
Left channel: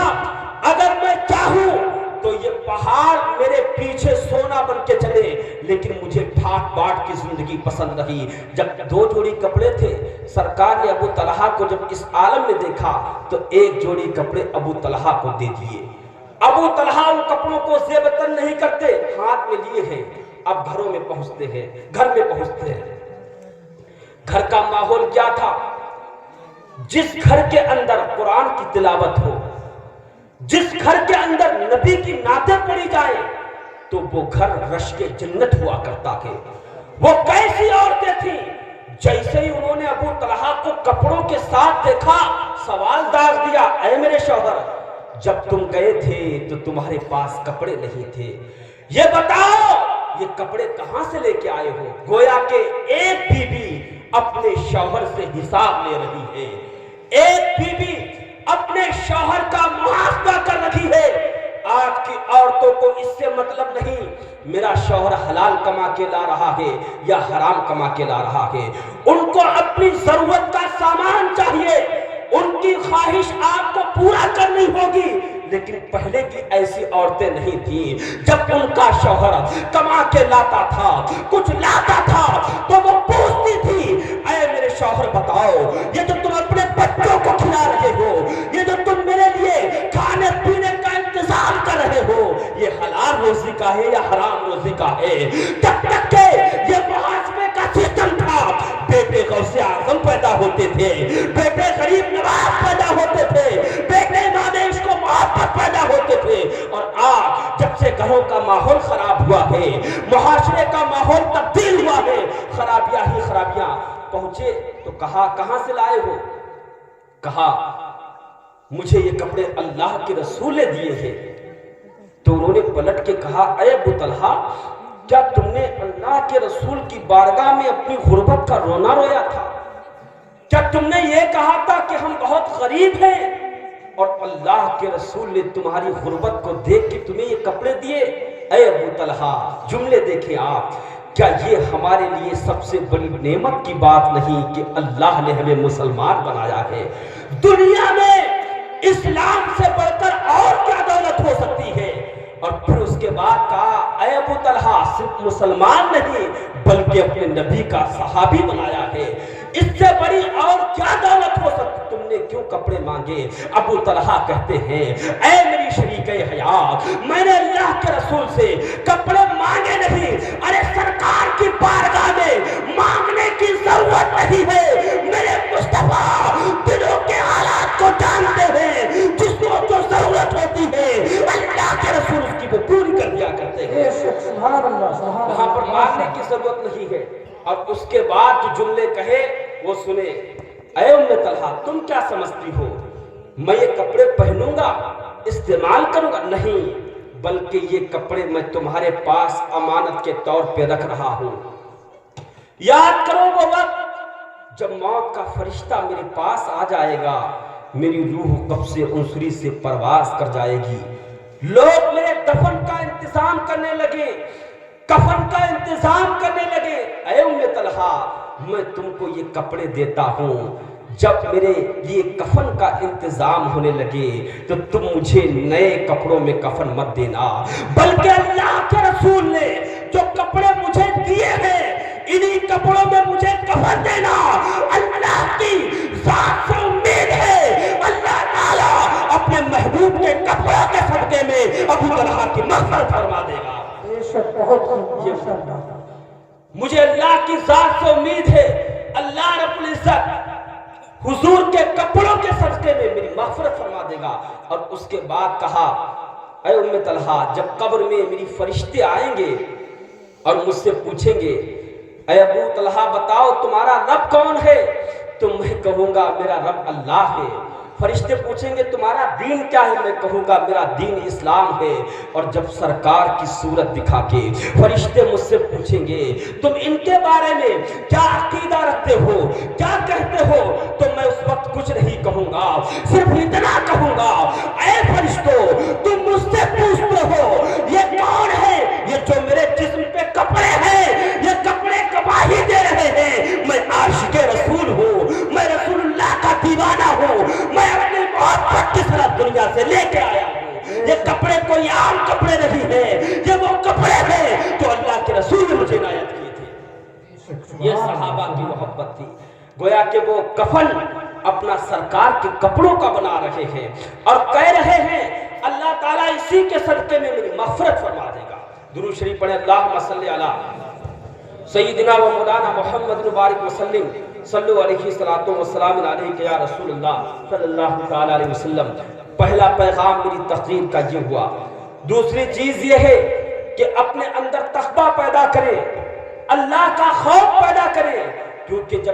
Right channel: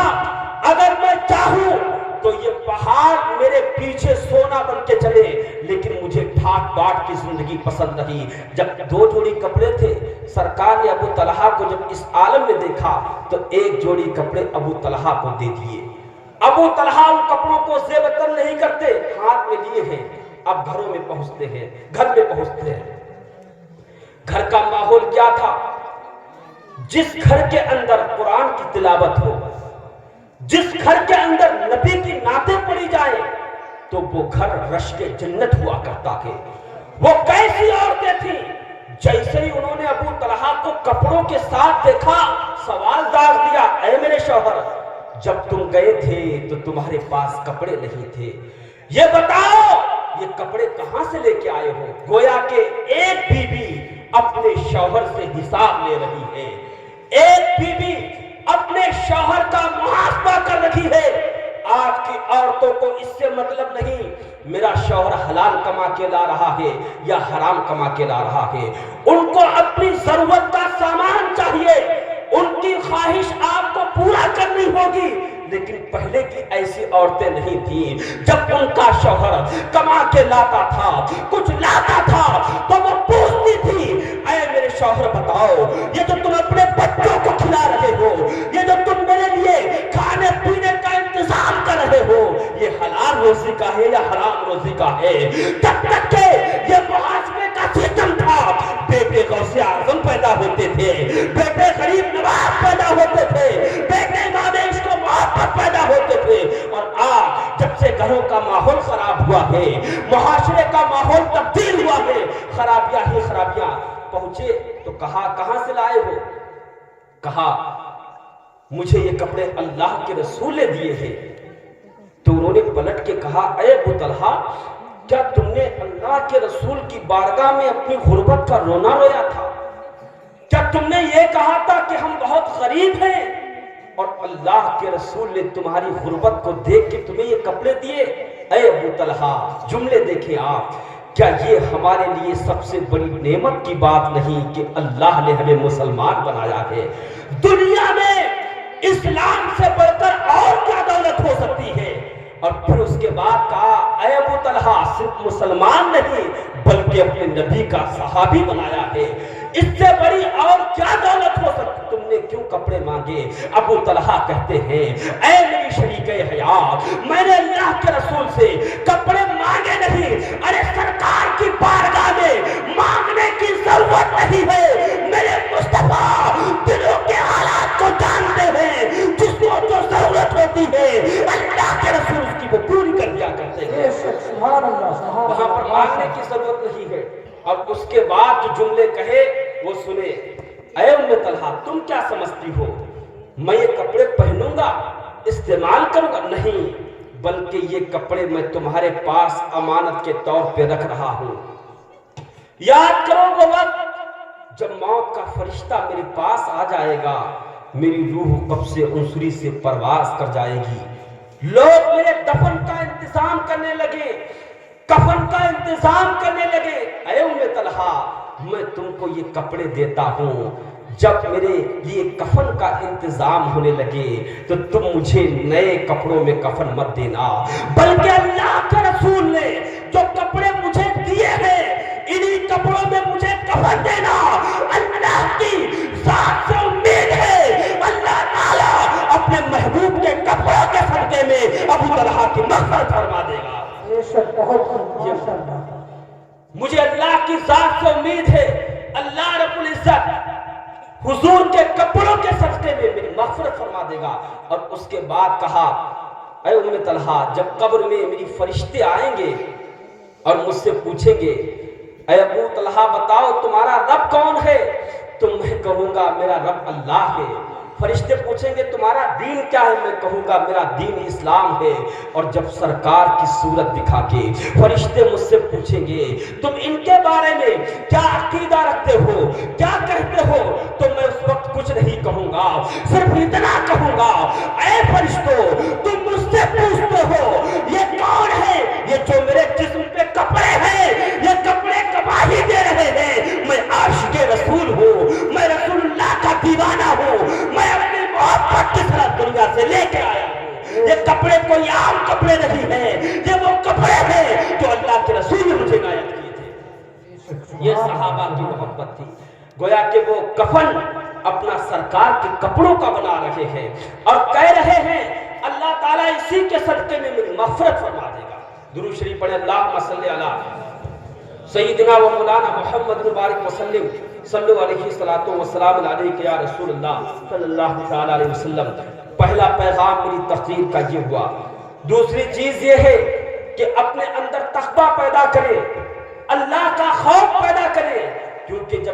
اگر میں چاہوں تو یہ پہاڑ میرے پیچھے سونا بن کے چلے، لیکن مجھے پھاٹ باٹ کی زندگی پسند نہیں۔ جب 2 جوڑی کپڑے تھے، سرکار نے ابو طلحہ کو جب اس عالم میں دیکھا تو 1 جوڑی کپڑے ابو طلحہ کو دے دیے۔ ابو طلحہ ان کپڑوں کو زیب تن نہیں کرتے، ہاتھ میں لیے ہیں، اب گھروں میں پہنچتے ہیں، گھر میں پہنچتے ہیں۔ گھر کا ماحول کیا تھا؟ جس گھر کے اندر قرآن کی تلاوت ہو، جس گھر کے اندر نبی کی نعتیں پڑھی جائے تو وہ گھر رشک جنت ہوا کرتا ہے۔ وہ کیسی عورتیں تھیں جیسے ہی انہوں نے ابو طلحہ کو کپڑوں کے ساتھ دیکھا سوال داغ دیا، اے میرے شوہر جب تم گئے تھے تو تمہارے پاس کپڑے نہیں تھے، یہ بتاؤ یہ کپڑے کہاں سے لے کے آئے ہو؟ گویا کہ ایک بیوی اپنے شوہر سے حساب لے رہی ہے، ایک بیوی اپنے شوہر کا محاسبہ کر رہی ہے۔ آج کی عورتوں کو اس سے مطلب نہیں میرا شوہر حلال کما کے لا رہا ہے یا حرام کما کے لا رہا ہے، ان کو اپنی ضرورت کا سامان چاہیے، ان کی خواہش آپ کو پورا کرنی ہوگی۔ لیکن پہلے کی ایسی عورتیں نہیں تھیں، جب ان کا شوہر کما کے لاتا تھا، کچھ لاتا تھا تو وہ پوچھتی تھی، اے میرے شوہر بتاؤ یہ جو تم اپنے بچوں کو کھلا رہے ہو، یہ جو تم میرے لیے کھانے پینے کا انتظام کر رہے ہو، یہ حلال روزی کا ہے یا حرام روزی کا ہے؟ جب تک کہ یہ محاسبے کا سسٹم تھا، بیٹے غوث اعظم پیدا ہوتے تھے، بیٹے غریب نواز پیدا ہوتے تھے، بیٹے مادیش کو محبت پیدا ہوتے تھے، اور آج جب سے گھروں کا ماحول خراب ہوا ہے، معاشرے کا ماحول تبدیل ہوا ہے، خرابیاں ہی خرابیاں پہنچے تو کہاں سے لائے ہو؟ کہا مجھے یہ کپڑے اللہ کے رسول نے دیے ہیں۔ تو انہوں نے پلٹ کے کہا، اے ابو طلحہ کیا تم نے اللہ کے رسول کی بارگاہ میں اپنی غربت کا رونا رویا تھا؟ کیا تم نے یہ کہا تھا کہ ہم بہت غریب ہیں اور اللہ کے رسول نے تمہاری غربت کو دیکھ کے تمہیں یہ کپڑے دیے؟ اے ابو طلحہ جملے دیکھیں آپ، کیا یہ ہمارے لیے سب سے بڑی نعمت کی بات نہیں کہ اللہ نے ہمیں مسلمان بنایا ہے؟ دنیا میں اسلام سے بڑھ کر اور کیا دولت ہو سکتی ہے؟ اور پھر اس کے بعد کہا، اے ابو طلحہ صرف مسلمان نہیں بلکہ اپنے نبی کا صحابی بنایا ہے، اس سے بڑی اور کیا دولت ہو سکتی؟ تم نے کیوں کپڑے مانگے؟ ابو طلحہ کہتے ہیں، اے میری شریکے حیات، میں نے اللہ کے رسول سے کپڑے مانگے نہیں، ارے سرکار کی بارگاہ میں مانگنے کی ضرورت نہیں ہے، میرے مصطفیٰ دلوں کے حالات کو جانتے ہیں، جس کو جو ضرورت ہوتی ہے اللہ کے رسول اس کی وہ پوری کر دیا کرتے ہیں، وہاں پر مانگنے کی ضرورت نہیں ہے۔ اور اس کے بعد جو جملے کہے وہ سنے، اے ام طلحہ تم کیا سمجھتی ہو میں یہ کپڑے پہنوں گا استعمال کروں گا؟ نہیں، بلکہ یہ کپڑے میں تمہارے پاس امانت کے طور پہ رکھ رہا ہوں۔ یاد کرو وہ وقت جب موت کا فرشتہ میرے پاس آ جائے گا، میری روح قبض عنصری سے پرواز کر جائے گی، لوگ میرے دفن کا انتظام کرنے لگے، کفن کا انتظام کرنے لگے۔ اے ام طلحہ میں تم کو یہ کپڑے دیتا ہوں، جب میرے لیے کفن کا انتظام ہونے لگے تو تم مجھے نئے کپڑوں میں کفن مت دینا، بلکہ اللہ کے رسول نے جو کپڑے مجھے دیے ہیں انہی کپڑوں میں مجھے کفن دینا۔ اللہ کی ذات سے امید ہے اللہ تعالیٰ اپنے محبوب کے کپڑوں کے صدقے میں ابو طلحہ کی مغفرت فرما دے گا۔ مجھے اللہ کی ذات سے امید ہے اللہ رب العزت حضور کے کپڑوں کے صدقے میں میری مغفرت فرما دے گا۔ اور اس کے بعد کہا، اے ام طلحہ جب قبر میں میری فرشتے آئیں گے اور مجھ سے پوچھیں گے، اے ابو طلحہ بتاؤ تمہارا رب کون ہے؟ تو میں کہوں گا میرا رب اللہ ہے۔ فرشتے پوچھیں گے تمہارا دین کیا ہے؟ میں کہوں گا میرا دین اسلام ہے۔ اور جب سرکار کی صورت دکھا کے فرشتے مجھ سے پوچھیں گے تم ان کے بارے میں کیا عقیدہ رکھتے ہو، کیا کہتے ہو، تو میں اس وقت کچھ نہیں کہوں گا، صرف اتنا کہوں گا، اے فرشتوں تم مجھ سے پوچھتے ہو یہ کون ہے؟ یہ جو میرے جسم پہ کپڑے ہیں یہ کپڑے گواہی دے رہے ہیں میں عاشق رسول ہوں، میں رسول اللہ کا دیوانہ ہوں، میں اپنی محبت کی طرح دنیا سے لے کے آیا ہوں۔ یہ کپڑے کوئی عام کپڑے نہیں ہیں، یہ وہ کپڑے ہیں جو اللہ کے رسول نے مجھے عنایت کیے تھے۔ یہ صحابہ کی محبت تھی، گویا کہ وہ کفن اپنا سرکار کے کپڑوں کا بنا رہے ہیں اور کہہ رہے ہیں اللہ تعالیٰ اسی کے صدقے میں میری مغفرت فرما دے گا۔ درود شریف پڑھیں، اللہم صلی علی سیدنا و مولانا محمد مبارک وسلم، صلو علیہ الصلوۃ والسلام علیک یا رسول اللہ صلی اللہ علیہ وسلم۔ پہلا پیغام میری تقریر کا یہ ہوا۔ دوسری چیز یہ ہے کہ اپنے اندر تقویٰ پیدا کریں، اللہ کا خوف پیدا کریں، کیونکہ جب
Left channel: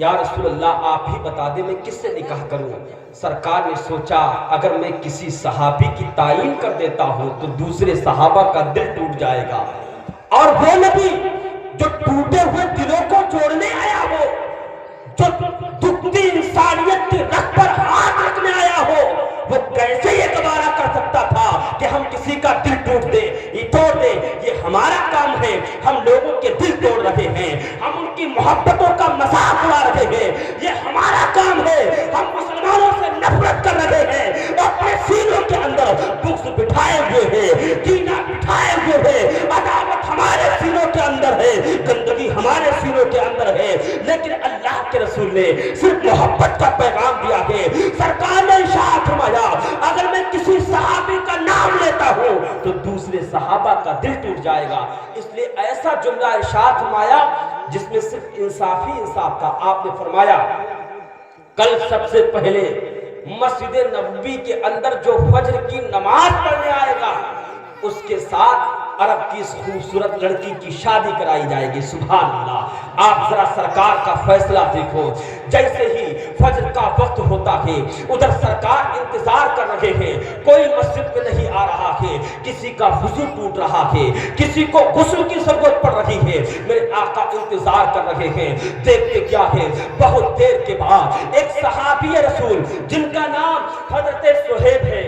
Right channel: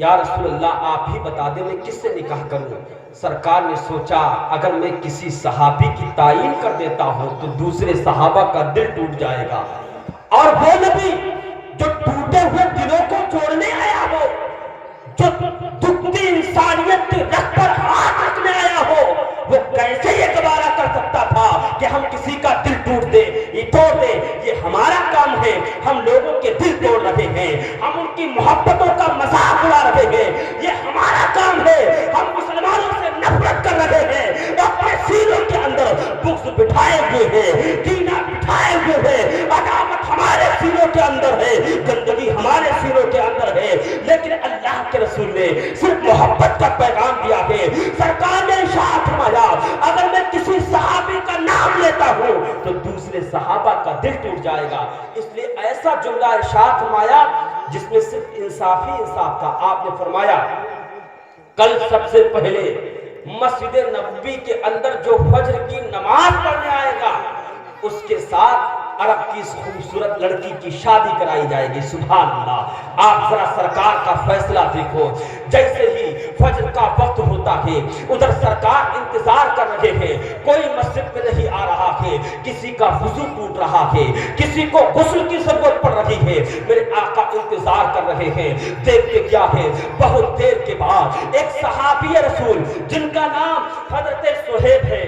یا رسول اللہ آپ ہی بتا دیں میں کس سے نکاح کروں؟ سرکار نے سوچا اگر میں کسی صحابی کی تعین کر دیتا ہوں تو دوسرے صحابہ کا دل ٹوٹ جائے گا، اور وہ نبی جو ٹوٹے ہوئے دلوں کو جوڑنے آیا ہو، جو دکھتی انسانیت کے رخ پر ہاتھ رکھنے آیا ہو، وہ کیسے یہ گوارا کر سکتا تھا کہ ہم کسی کا دل ٹوٹ دے توڑ دے؟ یہ ہمارا کام ہے، ہم لوگوں کے دل توڑ رہے ہیں، ہم ان کی محبتوں کا مذاق اڑا رہے ہیں، یہ ہمارا کام ہے، ہم مسلمانوں سے نفرت کر رہے ہیں، اپنے سینوں کے اندر بغض بٹھائے ہوئے ہیں، کینہ بٹھائے ہوئے ہیں، عداوت ہمارے سینوں کے اندر ہے، گندگی ہمارے سینوں کے اندر ہے، لیکن اللہ کے رسول نے صرف محبت کا پیغام دیا ہے۔ سرکار نے ارشاد فرمایا اگر میں کسی صحابی کا نام لیتا ہوں تو دوسرے صحابہ کا دل ٹوٹ جائے گا۔ اس لیے ایسا جملہ ارشاد فرمایا جس میں صرف انصاف ہی انصاف تھا۔ آپ نے فرمایا کل سب سے پہلے مسجد نبوی کے اندر جو فجر کی نماز پڑھنے آئے گا اس کے ساتھ عرب کی اس خوبصورت لڑکی کی شادی کرائی جائے گی۔ سبحان اللہ! آپ ذرا سرکار کا فیصلہ دیکھو، جیسے ہی فجر کا وقت ہوتا ہے ادھر سرکار انتظار کر رہے ہیں، کوئی مسجد میں نہیں آ رہا ہے، کسی کا وضو ٹوٹ رہا ہے، کسی کو غسل کی ضرورت پڑ رہی ہے، میرے آقا انتظار کر رہے ہیں۔ دیکھتے کیا ہے، بہت دیر کے بعد ایک صحابی رسول جن کا نام حضرت صہیب ہے،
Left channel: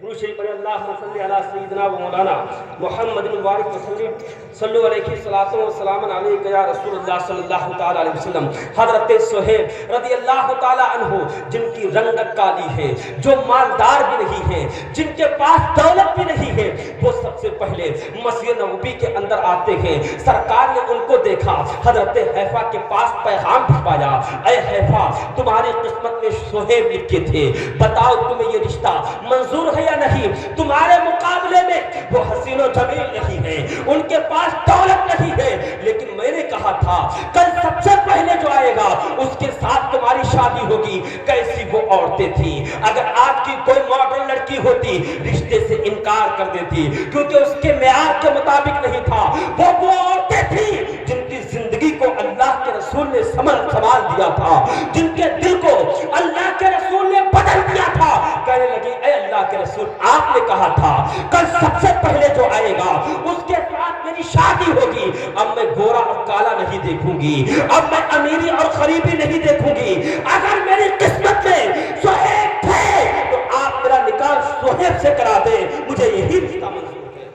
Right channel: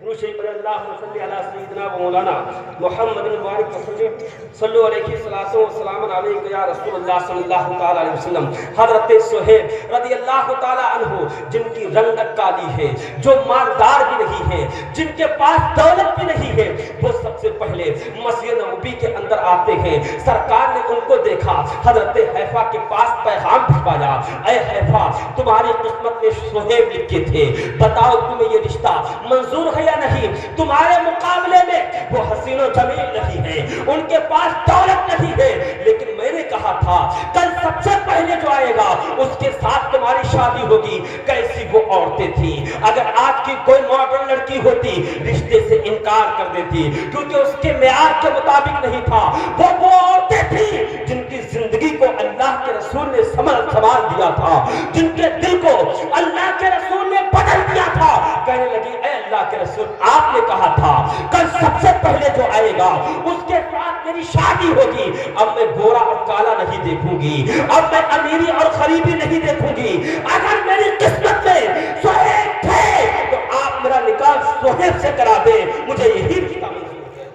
اللہم صلی علی سیدنا و مولانا محمد المبارک وسلم صلو علیہ السلام علیکہ یا رسول اللہ صلی اللہ تعالی علیہ وسلم۔ حضرت صہیب رضی اللہ تعالی عنہ جن کی رنگت کالی ہے، جو مالدار بھی نہیں ہے، جن کے پاس دولت بھی نہیں ہے، وہ سب سے پہلے مسجد نبوی کے اندر آتے ہیں۔ سرکار نے ان کو دیکھا، حضرت حیفا کے پاس پیغام بھجوایا، اے حیفا تمہاری قسمت میں صہیب لکھے تھے، بتاؤ تمہیں یہ رشتہ منظور ہے یا نہیں؟ تمہارے مقابلے میں وہ حسین و جمیل نہیں ہے، ان کے پاس دولت نہیں ہے، لیکن میں نے کہا تھا کل سب سے پہلے جو آئے گا اس کے ساتھ تمہاری شادی ہوگی۔ کیسی وہ عورتیں تھیں، اگر آج کی کوئی ماڈرن لڑکی ہوتی رشتے سے انکار کر دیتی، کیونکہ اس کے معیار کے مطابق نہیں تھا۔ وہ عورتیں تھیں جن کی زندگی کو اللہ کے رسول نے سنبھال دیا تھا، جن کے دل کو اللہ کے رسول نے بدل دیا تھا۔ کہنے لگی اے اللہ کے رسول آپ نے کہا تھا کل سب سے پہلے جو آئے گا اس کے ساتھ میری شادی ہوگی، اب میں گورا اور کالا نہیں دیکھوں گی، اب میں امیری اور غریبی نہیں دیکھوں گی۔ اگر میری قسمت میں صہیب تھے تو آپ میرا نکاح صہیب سے کرا دیں، مجھے یہی رشتہ منظور ہے۔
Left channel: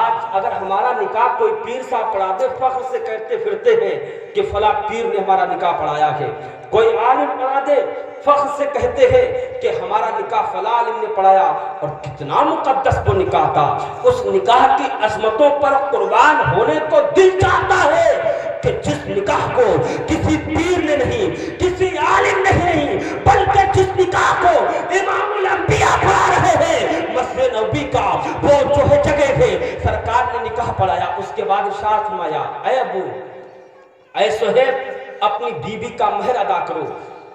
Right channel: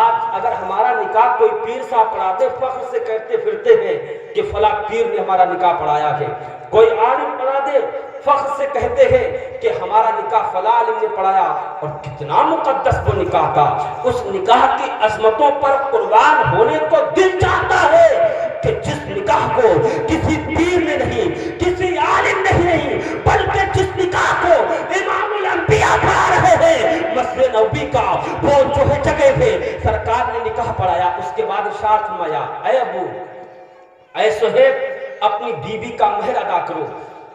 آج اگر ہمارا نکاح کوئی پیر صاحب پڑھا دے، فخر سے کہتے پھرتے ہیں کہ فلاں پیر نے ہمارا نکاح پڑھایا ہے، کوئی عالم پڑھا دے فخر سے کہتے ہیں کہ ہمارا نکاح فلاں عالم نے پڑھایا، اور کتنا مقدس وہ نکاح تھا۔ اس نکاح کی عظمتوں پر قربان ہونے کو دل چاہتا ہے کہ جس نکاح کو کسی پیر نے نہیں، کسی عالم نے نہیں، بلکہ جس نکاح کو امام الانبیاء پڑھا رہے ہیں، مسجد نبوی کا وہ جو ہے جگہ ہے، سرکار نے نکاح پڑھایا۔ اس کے بعد ارشاد فرمایا اے ابو، اے صہیب اپنی بیوی کا مہر ادا کرو۔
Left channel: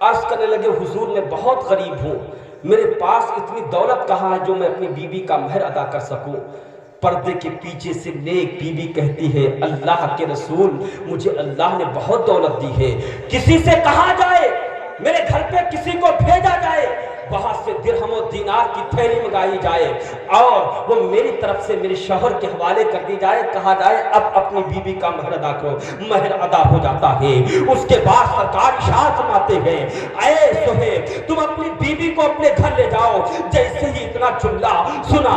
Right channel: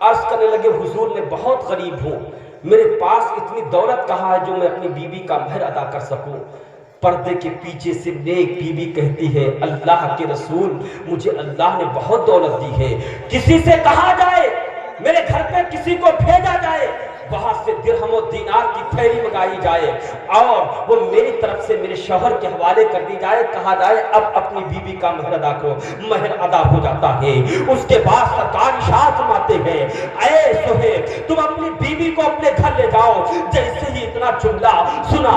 عرض کرنے لگے حضور میں بہت غریب ہوں، میرے پاس اتنی دولت کہاں ہے جو میں اپنی بیوی کا مہر ادا کر سکوں؟ پردے کے پیچھے سے نیک بیوی کہتی ہے اللہ کے رسول مجھے اللہ نے بہت دولت دی ہے، کسی سے کہا جائے میرے گھر پہ کسی کو بھیجا جائے، وہاں سے درہم و دینار کی تھیلی منگائی جائے اور وہ میری طرف سے میرے شوہر کے حوالے کر دی جائے، کہا جائے اب اپنی بیوی کا مہر ادا کرو، مہر ادا ہو جاتا ہے۔ اس کے بعد سرکار ارشاد فرماتے ہیں اے صہیب تم اپنی بیوی کو اپنے گھر لے جاؤ۔ جیسے ہی اتنا جملہ سنا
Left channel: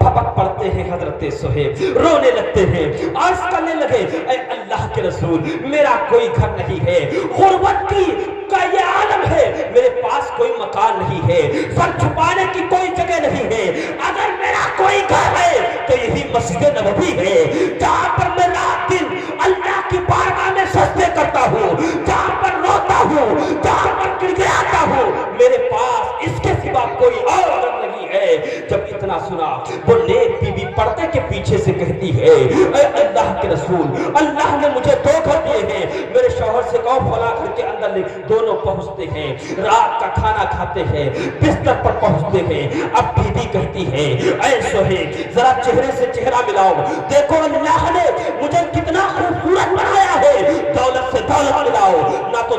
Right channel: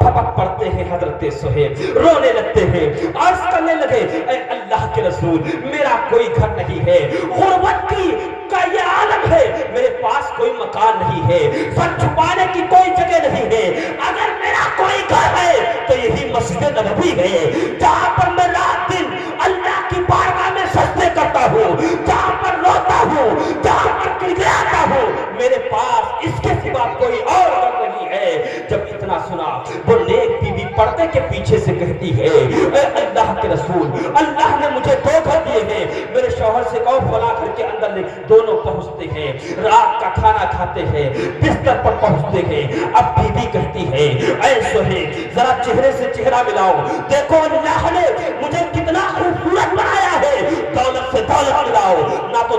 پھپک پڑتے ہیں حضرت صہیب، رونے لگتے ہیں، عرض کرنے لگے اے اللہ کے رسول میرا کوئی گھر نہیں ہے، غربت کی کا یہ عالم ہے، میرے پاس کوئی مکان نہیں ہے، سر چھپانے کی کوئی جگہ نہیں ہے، اگر میرا کوئی گھر ہے تو یہی مسجد نبوی ہے، جہاں پر میں رات دن اللہ کی بارگاہ میں سجدے کرتا ہوں، جہاں پر روتا ہوں، جہاں پر گڑگڑاتا ہوں، میرے پاس اس کے سوا کوئی اور گھر نہیں ہے۔ جب اتنا سنا وہ نیک بیوی پردے کے پیچھے سے کہتی ہے اے اللہ کے رسول اللہ نے مجھے دو گھر دیے ہیں، میرے شوہر سے کہو فلاں گھر کے اندر دونوں پہنچتے ہیں، رات کا کھانا کھاتے ہیں، بستر پر پہنچتے ہیں۔ اب بیوی کہتی ہے اے صہیب ذرا چہرے سے چہرہ ملاؤ، دیکھو اللہ نے مجھے کتنا خوبصورت بنایا ہے، دولت سے دولت ملاؤ، نہ تو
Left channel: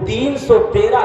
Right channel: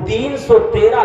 313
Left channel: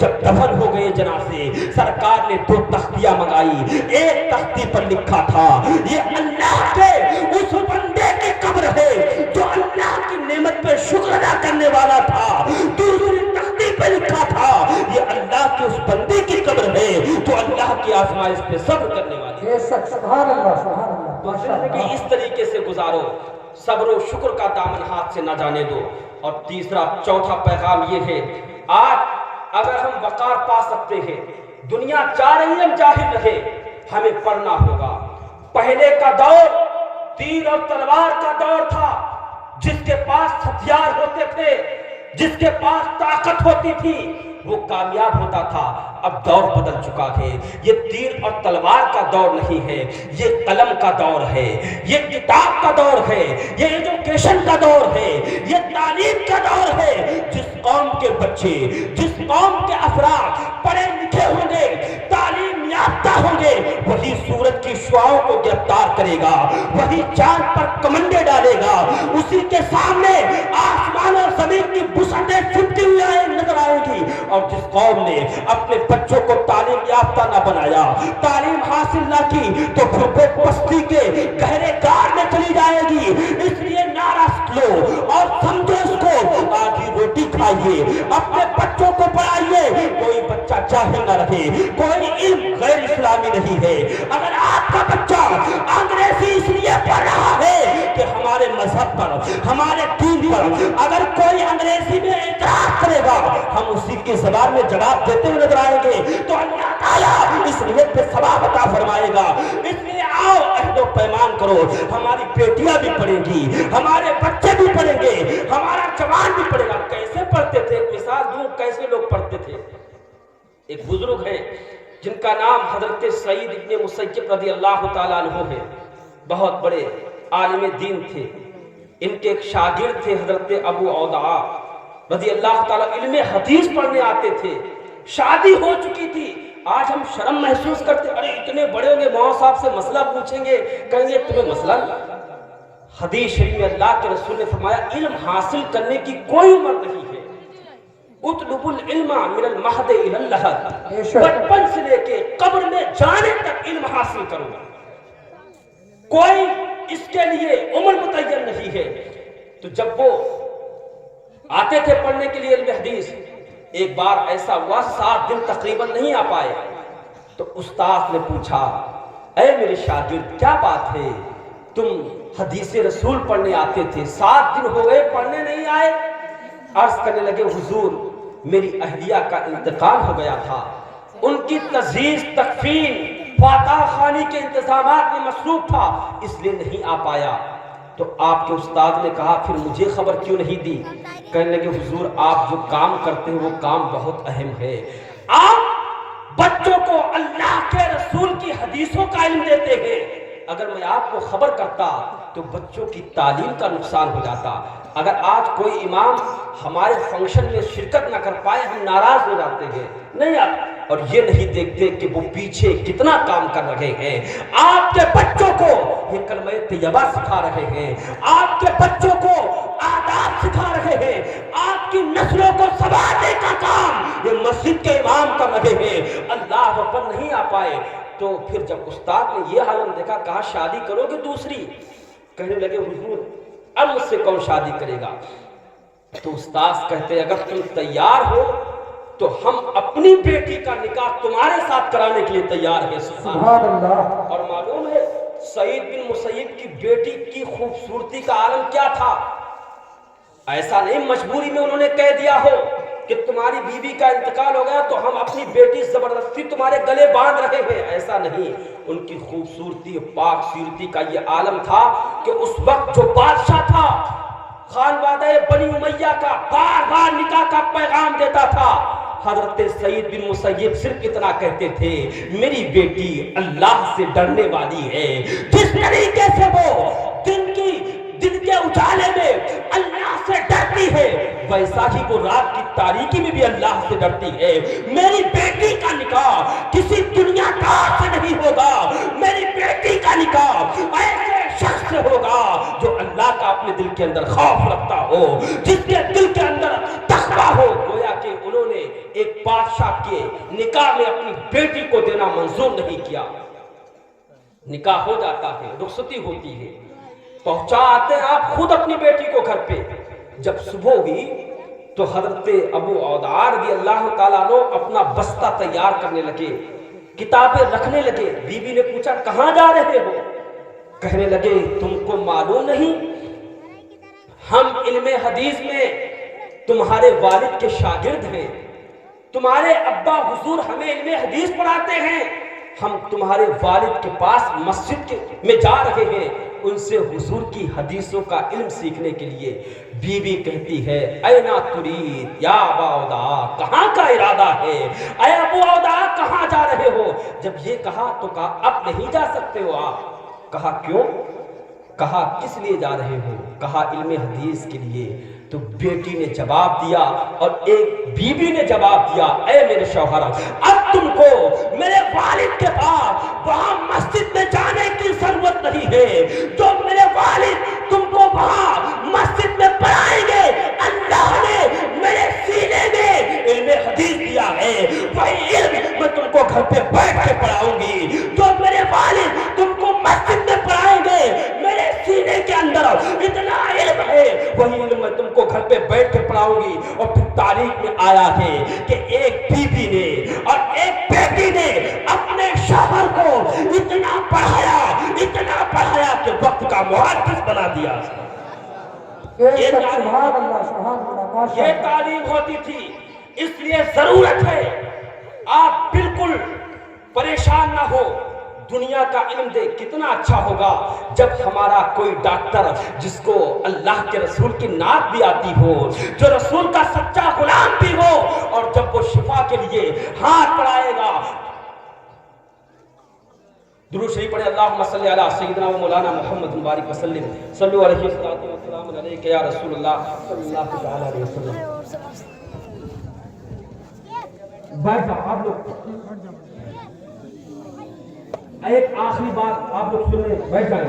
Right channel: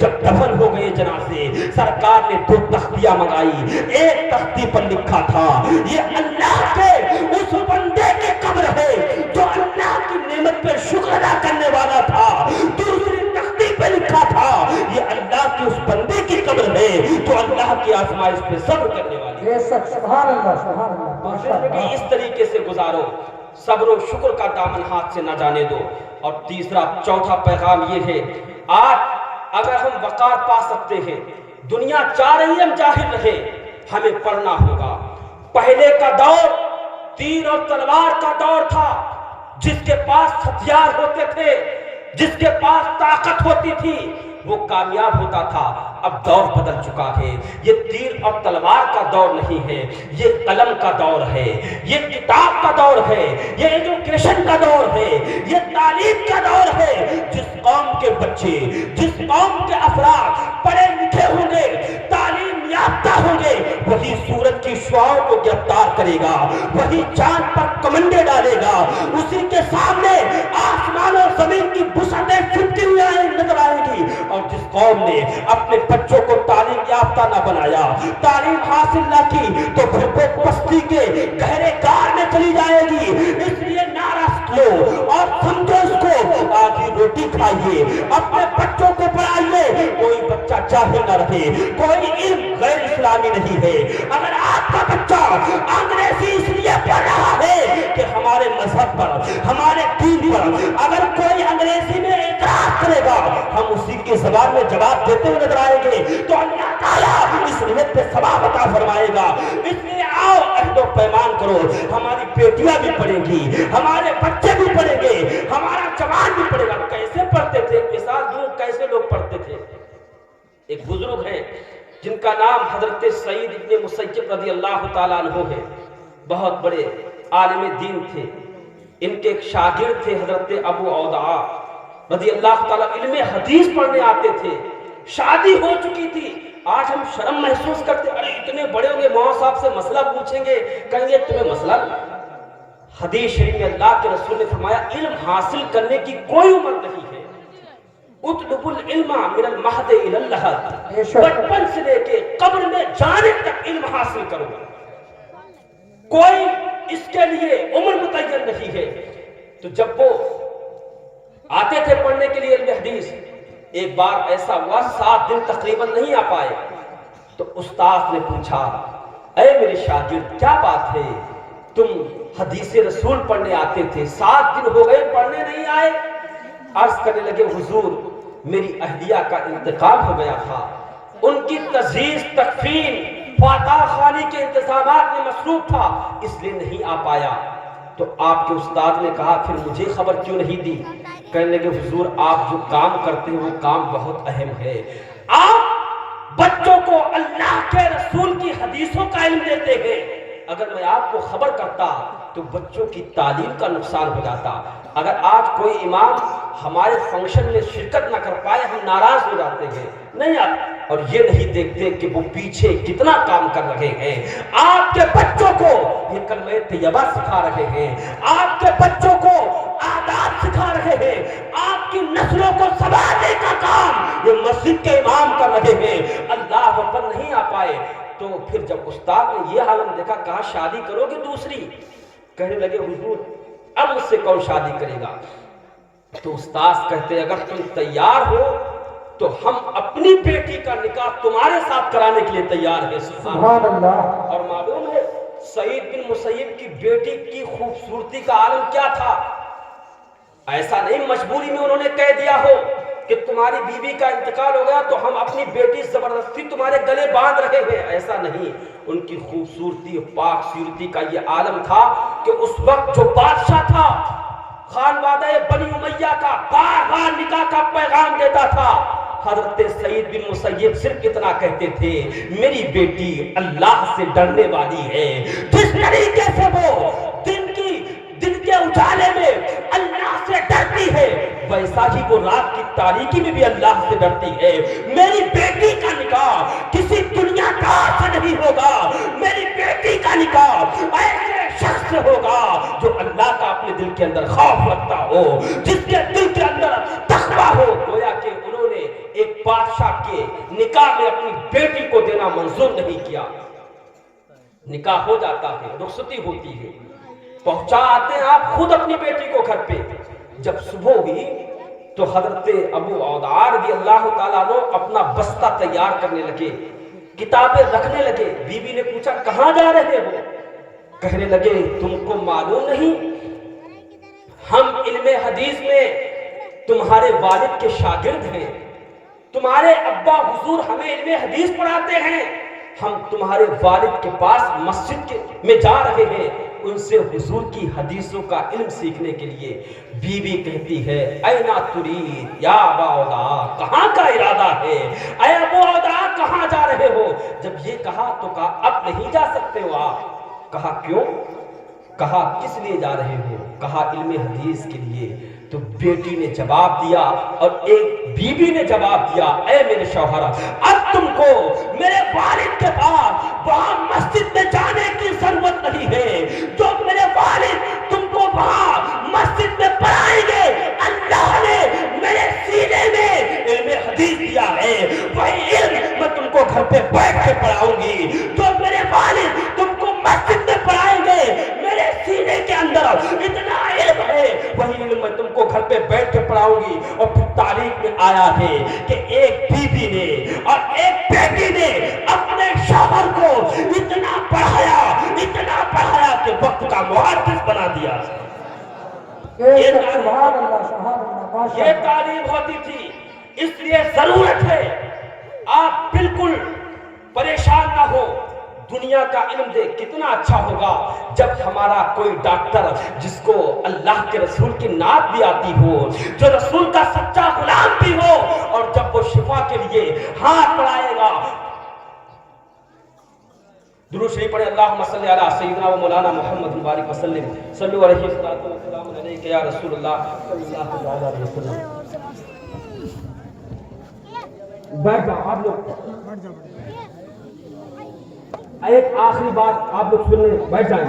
جب دفن ہو گئے جنازے سرکار نے 2 تختیاں منگائی. ایک تختی پر لکھا تھا یہ اللہ کے اس بندے کی قبر ہے جو اللہ کی نعمت پہ شکر ادا کرنے والا تھا. دوسری تختی پہ لکھا تھا یہ اللہ کے اس بندے کی قبر ہے جو اللہ کی آزمائش پہ صبر کرنے والی ہے. سبحان اللہ سبحان اللہ. زندگی اس طریقے سے گزارو, صبر و شکر کا دامن ہاتھ سے نہ جانے دو. اور تیسرا چوتھا پیغام یہ ہے, آج اگر ہم وقار پا سکتے ہیں, دنیا چاہ رہی ہے ہم جاہل رہے, ہمیں پڑھنا ہوگا. پہلے کا دور تیر اور تلوار کا دور تھا, جس کے پاس ہتھیار ہوتے تھے, جس کے پاس طاقت ہوتی تھی وہ کامیاب ہوتا تھا. اب دور بدل چکا ہے, یہ تیر اور تلوار کا دور نہیں ہے, یہ قلم کا دور ہے, یہ کتاب کا دور ہے, یہ ایجوکیشن کا دور ہے, یہ تعلیم کا دور ہے. جس قوم کے بچے, جس قوم کے افراد پڑھے لکھے ہوں گے, تعلیم یافتہ ہوں گے, وہی سورج کی شعاؤں کو گرفتار کرے گا, وہی چاند پر کمنڈے ڈالے گا, اسی کے سامنے آسمان اور زمین کی وسعتیں سمتی ہوئی نظر آئے گی. اور جس قوم نے اپنے بچوں کو تعلیم یافتہ نہ بنایا, تعلیم حاصل نہ کی, تو پھر وہ پستی کے گہرے کار میں چلی جائے گی. اس لیے نعرہ لو اور سمجھو اس کو, آدھی روٹی کھائیے, اپنے بچوں کو پڑھائیے. کوئی بچہ جاہل نہ رہے, کوئی علم غیر اسلامی نہیں ہے. اگر آپ کا بچہ انگریزی اس لیے پڑھ رہا ہے کہ ہمارے مذہب پر, ہمارے دین پر اگر کوئی انگریزی میں اعتراض کرے گا, ہم اسی کی زبان میں جواب دیتے ہوئے نظر آئیں گے, تو اللہ تعالیٰ اس نیت پہ ثواب عطا فرمائے گا. اس لیے آؤ عہد و پیمان کرو, ہماری بیٹیاں بھی پڑھیں گی, ہمارے بچے بھی پڑھیں گے, ہمارا جوان بھی پڑھے گا. کیسے پڑھتے تھے, مثال دوں کیسے لوگ پڑھتے تھے. ایک بزرگ ہے جن کا نام حضرت سعید ابن مسیب رضی اللہ تعالیٰ عنہ ہے, بہت بڑے عالم دین تھے. ان کے ایک شاگرد تھے حضرت ابو عودعہ رضی اللہ تعالیٰ, علم حدیث پڑھنے آتے تھے. شادی ہو چکی تھی. آج ہم شرم محسوس کرتے, ارے اتنے بڑے ہو گئے, مولوی صاحب سے مسئلہ پوچھیں گے, کہیں گے تمہیں مسئلہ نہیں. حدیث شریف میں اللہ کے رسول نے فرمایا علم حاصل کرنے کی کوئی عمر نہیں ہے. اطلب العلم من المہد الی اللحد, بچپن سے لے کے قبر میں جانے تک علم حاصل کرو. کوئی اس کے لیے عمر متعین نہیں ہے. تو جب وہ آتے تھے پڑھنے کے لیے علم حدیث, ایک بار ایسا ہوا 7 دن تقریباً نہیں آ پائے. تو استاد نے پوچھا, اے میرے شاگرد کیا بات ہے, تم حدیث رسول پڑھنے آتے تھے, 7 دن ہو گئے پڑھنے نہیں آئے. عرض کرنے لگے, حضور میری اہلیہ کا انتقال ہو گیا تھا, ان کی تجہیز تکفین فاتح خانی کے انتظامات میں مصروف تھا, اس لیے نہیں آ پایا. تو آپ کے استاد نے کہا پھر مجھے خبر کیوں نہیں دی. کہنے لگے, حضور آپ جو کام کرتے ہیں وہ کام بہت اہم ہے. آپ بچوں کو اللہ کے رسول کی حدیثوں کا علم دیتے ہیں. اگر میں آپ کو خبر کرتا تو بچوں کی تعلیم کا نقصان ہو جاتا. اگر آج کوئی امام ہمارے فنکشن میں شرکت نہ کر پائے, ہم ناراض ہو جاتے ہیں. نہیں آپ اور یہ نہیں دیکھتے کہ وہ پیچھے کتنا کام کر رہے ہیں. آپ کے بچوں کو یہ کلمہ طیبہ سکھا رہے ہیں, آپ کے بچوں کو آداب سکھا رہے ہیں, آپ کی نسلوں کو سنبھالنے کا کام یہ مسجد کے امام کر رہے ہیں. اللہ اکبر نہیں آ پائے. تو پھر جب استاد نے یہ عالم دیکھا, کہا شادی کرو گے دوسری. کہنے لگے, حضور اب مجھ سے کون شادی کرے گا. تو استاد کہتے, اگر تم تیار ہو تو ہم اپنی بیٹی کا نکاح تمہارے ساتھ کرانے کے لیے تیار ہیں. سبحان اللہ. اور معلوم ہے سعید بن مسیب کی بیٹی کی خوبصورتی کا عالم کیا تھا. ایسا نہیں مجبوری میں انہوں نے کہہ دیا ہو کہ تمہاری بیوی کا انتقال ہو گیا تو ہم اپنی بیٹی زبردستی تمہارے گلے باندھ رہے ہیں. ایسا نہیں. ان کی خوبصورتی پاک صورتی کا یہ عالم تھا کہ اس وقت جو بادشاہ تھا خانوادہ بنی امیہ کا بار بار نکاح کا پیغام دیتا تھا. حضرت سعید بن مسیب صرف اتنا کہتے تھے, میری بیٹی اللہ سے ڈرنے والی ہے. جس طریقے سے وہ دن کے اجالے میں اللہ سے ڈرتی ہے, ویسا ہی وہ رات کی تاریکی میں بھی اللہ سے ڈرتی ہے. میری بیٹی کا نکاح کسی دنیا دار سے نہیں ہوگا. میری بیٹی کا نکاح ایسے شخص سے ہوگا جو اللہ کا اپنے دل کے اندر خوف رکھتا ہو, جس کے دل کے اندر تقویٰ ہو. گویا کہ انہوں نے کیے، نکاح میں اپنی بیٹی کو دینا منظور نہیں کیا۔ نکاح ہو جاتا ہے، رخصتی ہوتی ہے، پہنچا آتے ہیں آپ خود اپنی بیٹی کو گھر پہ۔ جب صبح ہوئی تو حضرت ابو عودہ رضی اللہ تعالیٰ عنہ اپنا بستہ تیار کرنے لگے، کتابیں رکھنے لگے۔ بیوی نے پوچھا کہاں جا رہے ہو؟ کہنے لگے تم کو معلوم نہیں ہم علم حدیث میں تمہارے والد کے شاگرد ہیں، تمہارے ابا حضور ہمیں علم حدیث پڑھاتے ہیں، ہم تمہارے والد کے پاس مسجد میں جا رہے ہیں ان سے حضور کی حدیثوں کا علم سیکھنے کے لیے۔ بیوی کہتی ہے اینا ترید یا ابا عودہ، کہاں کا ارادہ ہے؟ اے ابو عودہ کہاں جا رہے ہو؟ جب یہ کہا تو کہا اب نہیں جا سکتے ہو آپ۔ کہا کیوں؟ کہا کس لیے جا رہے ہو؟ کہا علم حدیث کے لیے۔ تو بیٹی نے جواب دیا اور ایک بیوی نے جواب دیا اے میرے شوہر، اب تم کو میرے والد کے پاس وہاں مسجد میں جانے کی ضرورت نہیں ہے، جو میرے والد تم کو وہاں مسجد میں پڑھائیں گے، اللہ نے میرے سینے میں علم حدیث دیا ہے، وہی علم میں تم کو گھر پہ بیٹھ کے پڑھاؤں گی۔ جو میرے والد تم کو مسجد میں پڑھائیں گے، میرے سینے کے اندر اتنا علم ہے، وہی علم میں تم کو گھر پہ بیٹھ کے پڑھاؤں گی۔ اور پھر تاریخ میں آیا ہے کہ ایک بیوی نے اور ایک بیٹی نے اپنے شوہر کو اتنا پڑھایا کہ وقت کا محدث بنا دیا۔ یہ تعلیم ہوتی تھی، اس لیے ضرورت ہے آپ بالکل پریشان نہ ہو، دنیا کا علم دے۔ کتنا اچھا ہوگا جب ہمارا کوئی ڈاکٹر جس کو اللہ کے رسول کی نعت بھی آتی ہو، جو رسول کا سچا غلام بھی ہو، اور جب وہ شفا کے لیے ہاتھ بڑھائے گا۔ درود شریف پڑھیں، اللہم صلی علی سیدنا و مولانا محمد مبارک وسلم، صلو علیہ وسلم علیک یا رسول اللہ صلی اللہ علیہ وسلم۔ بیٹھ جاؤ آپ لوگ، ایک آخری بات آپ لوگ سن لیں، بیٹھ جائیں،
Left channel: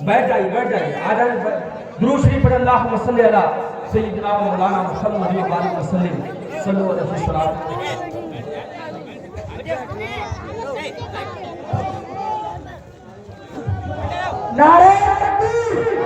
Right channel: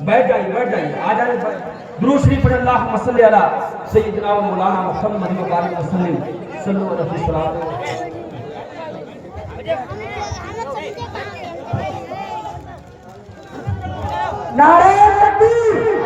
بیٹھ جائیے، آ جائیں۔ درود شریف پڑھیں، اللہم صلی علی سیدنا و مولانا محمد مبارک وسلم، صلو علیہ وسلم۔ نعرہ تکبیر،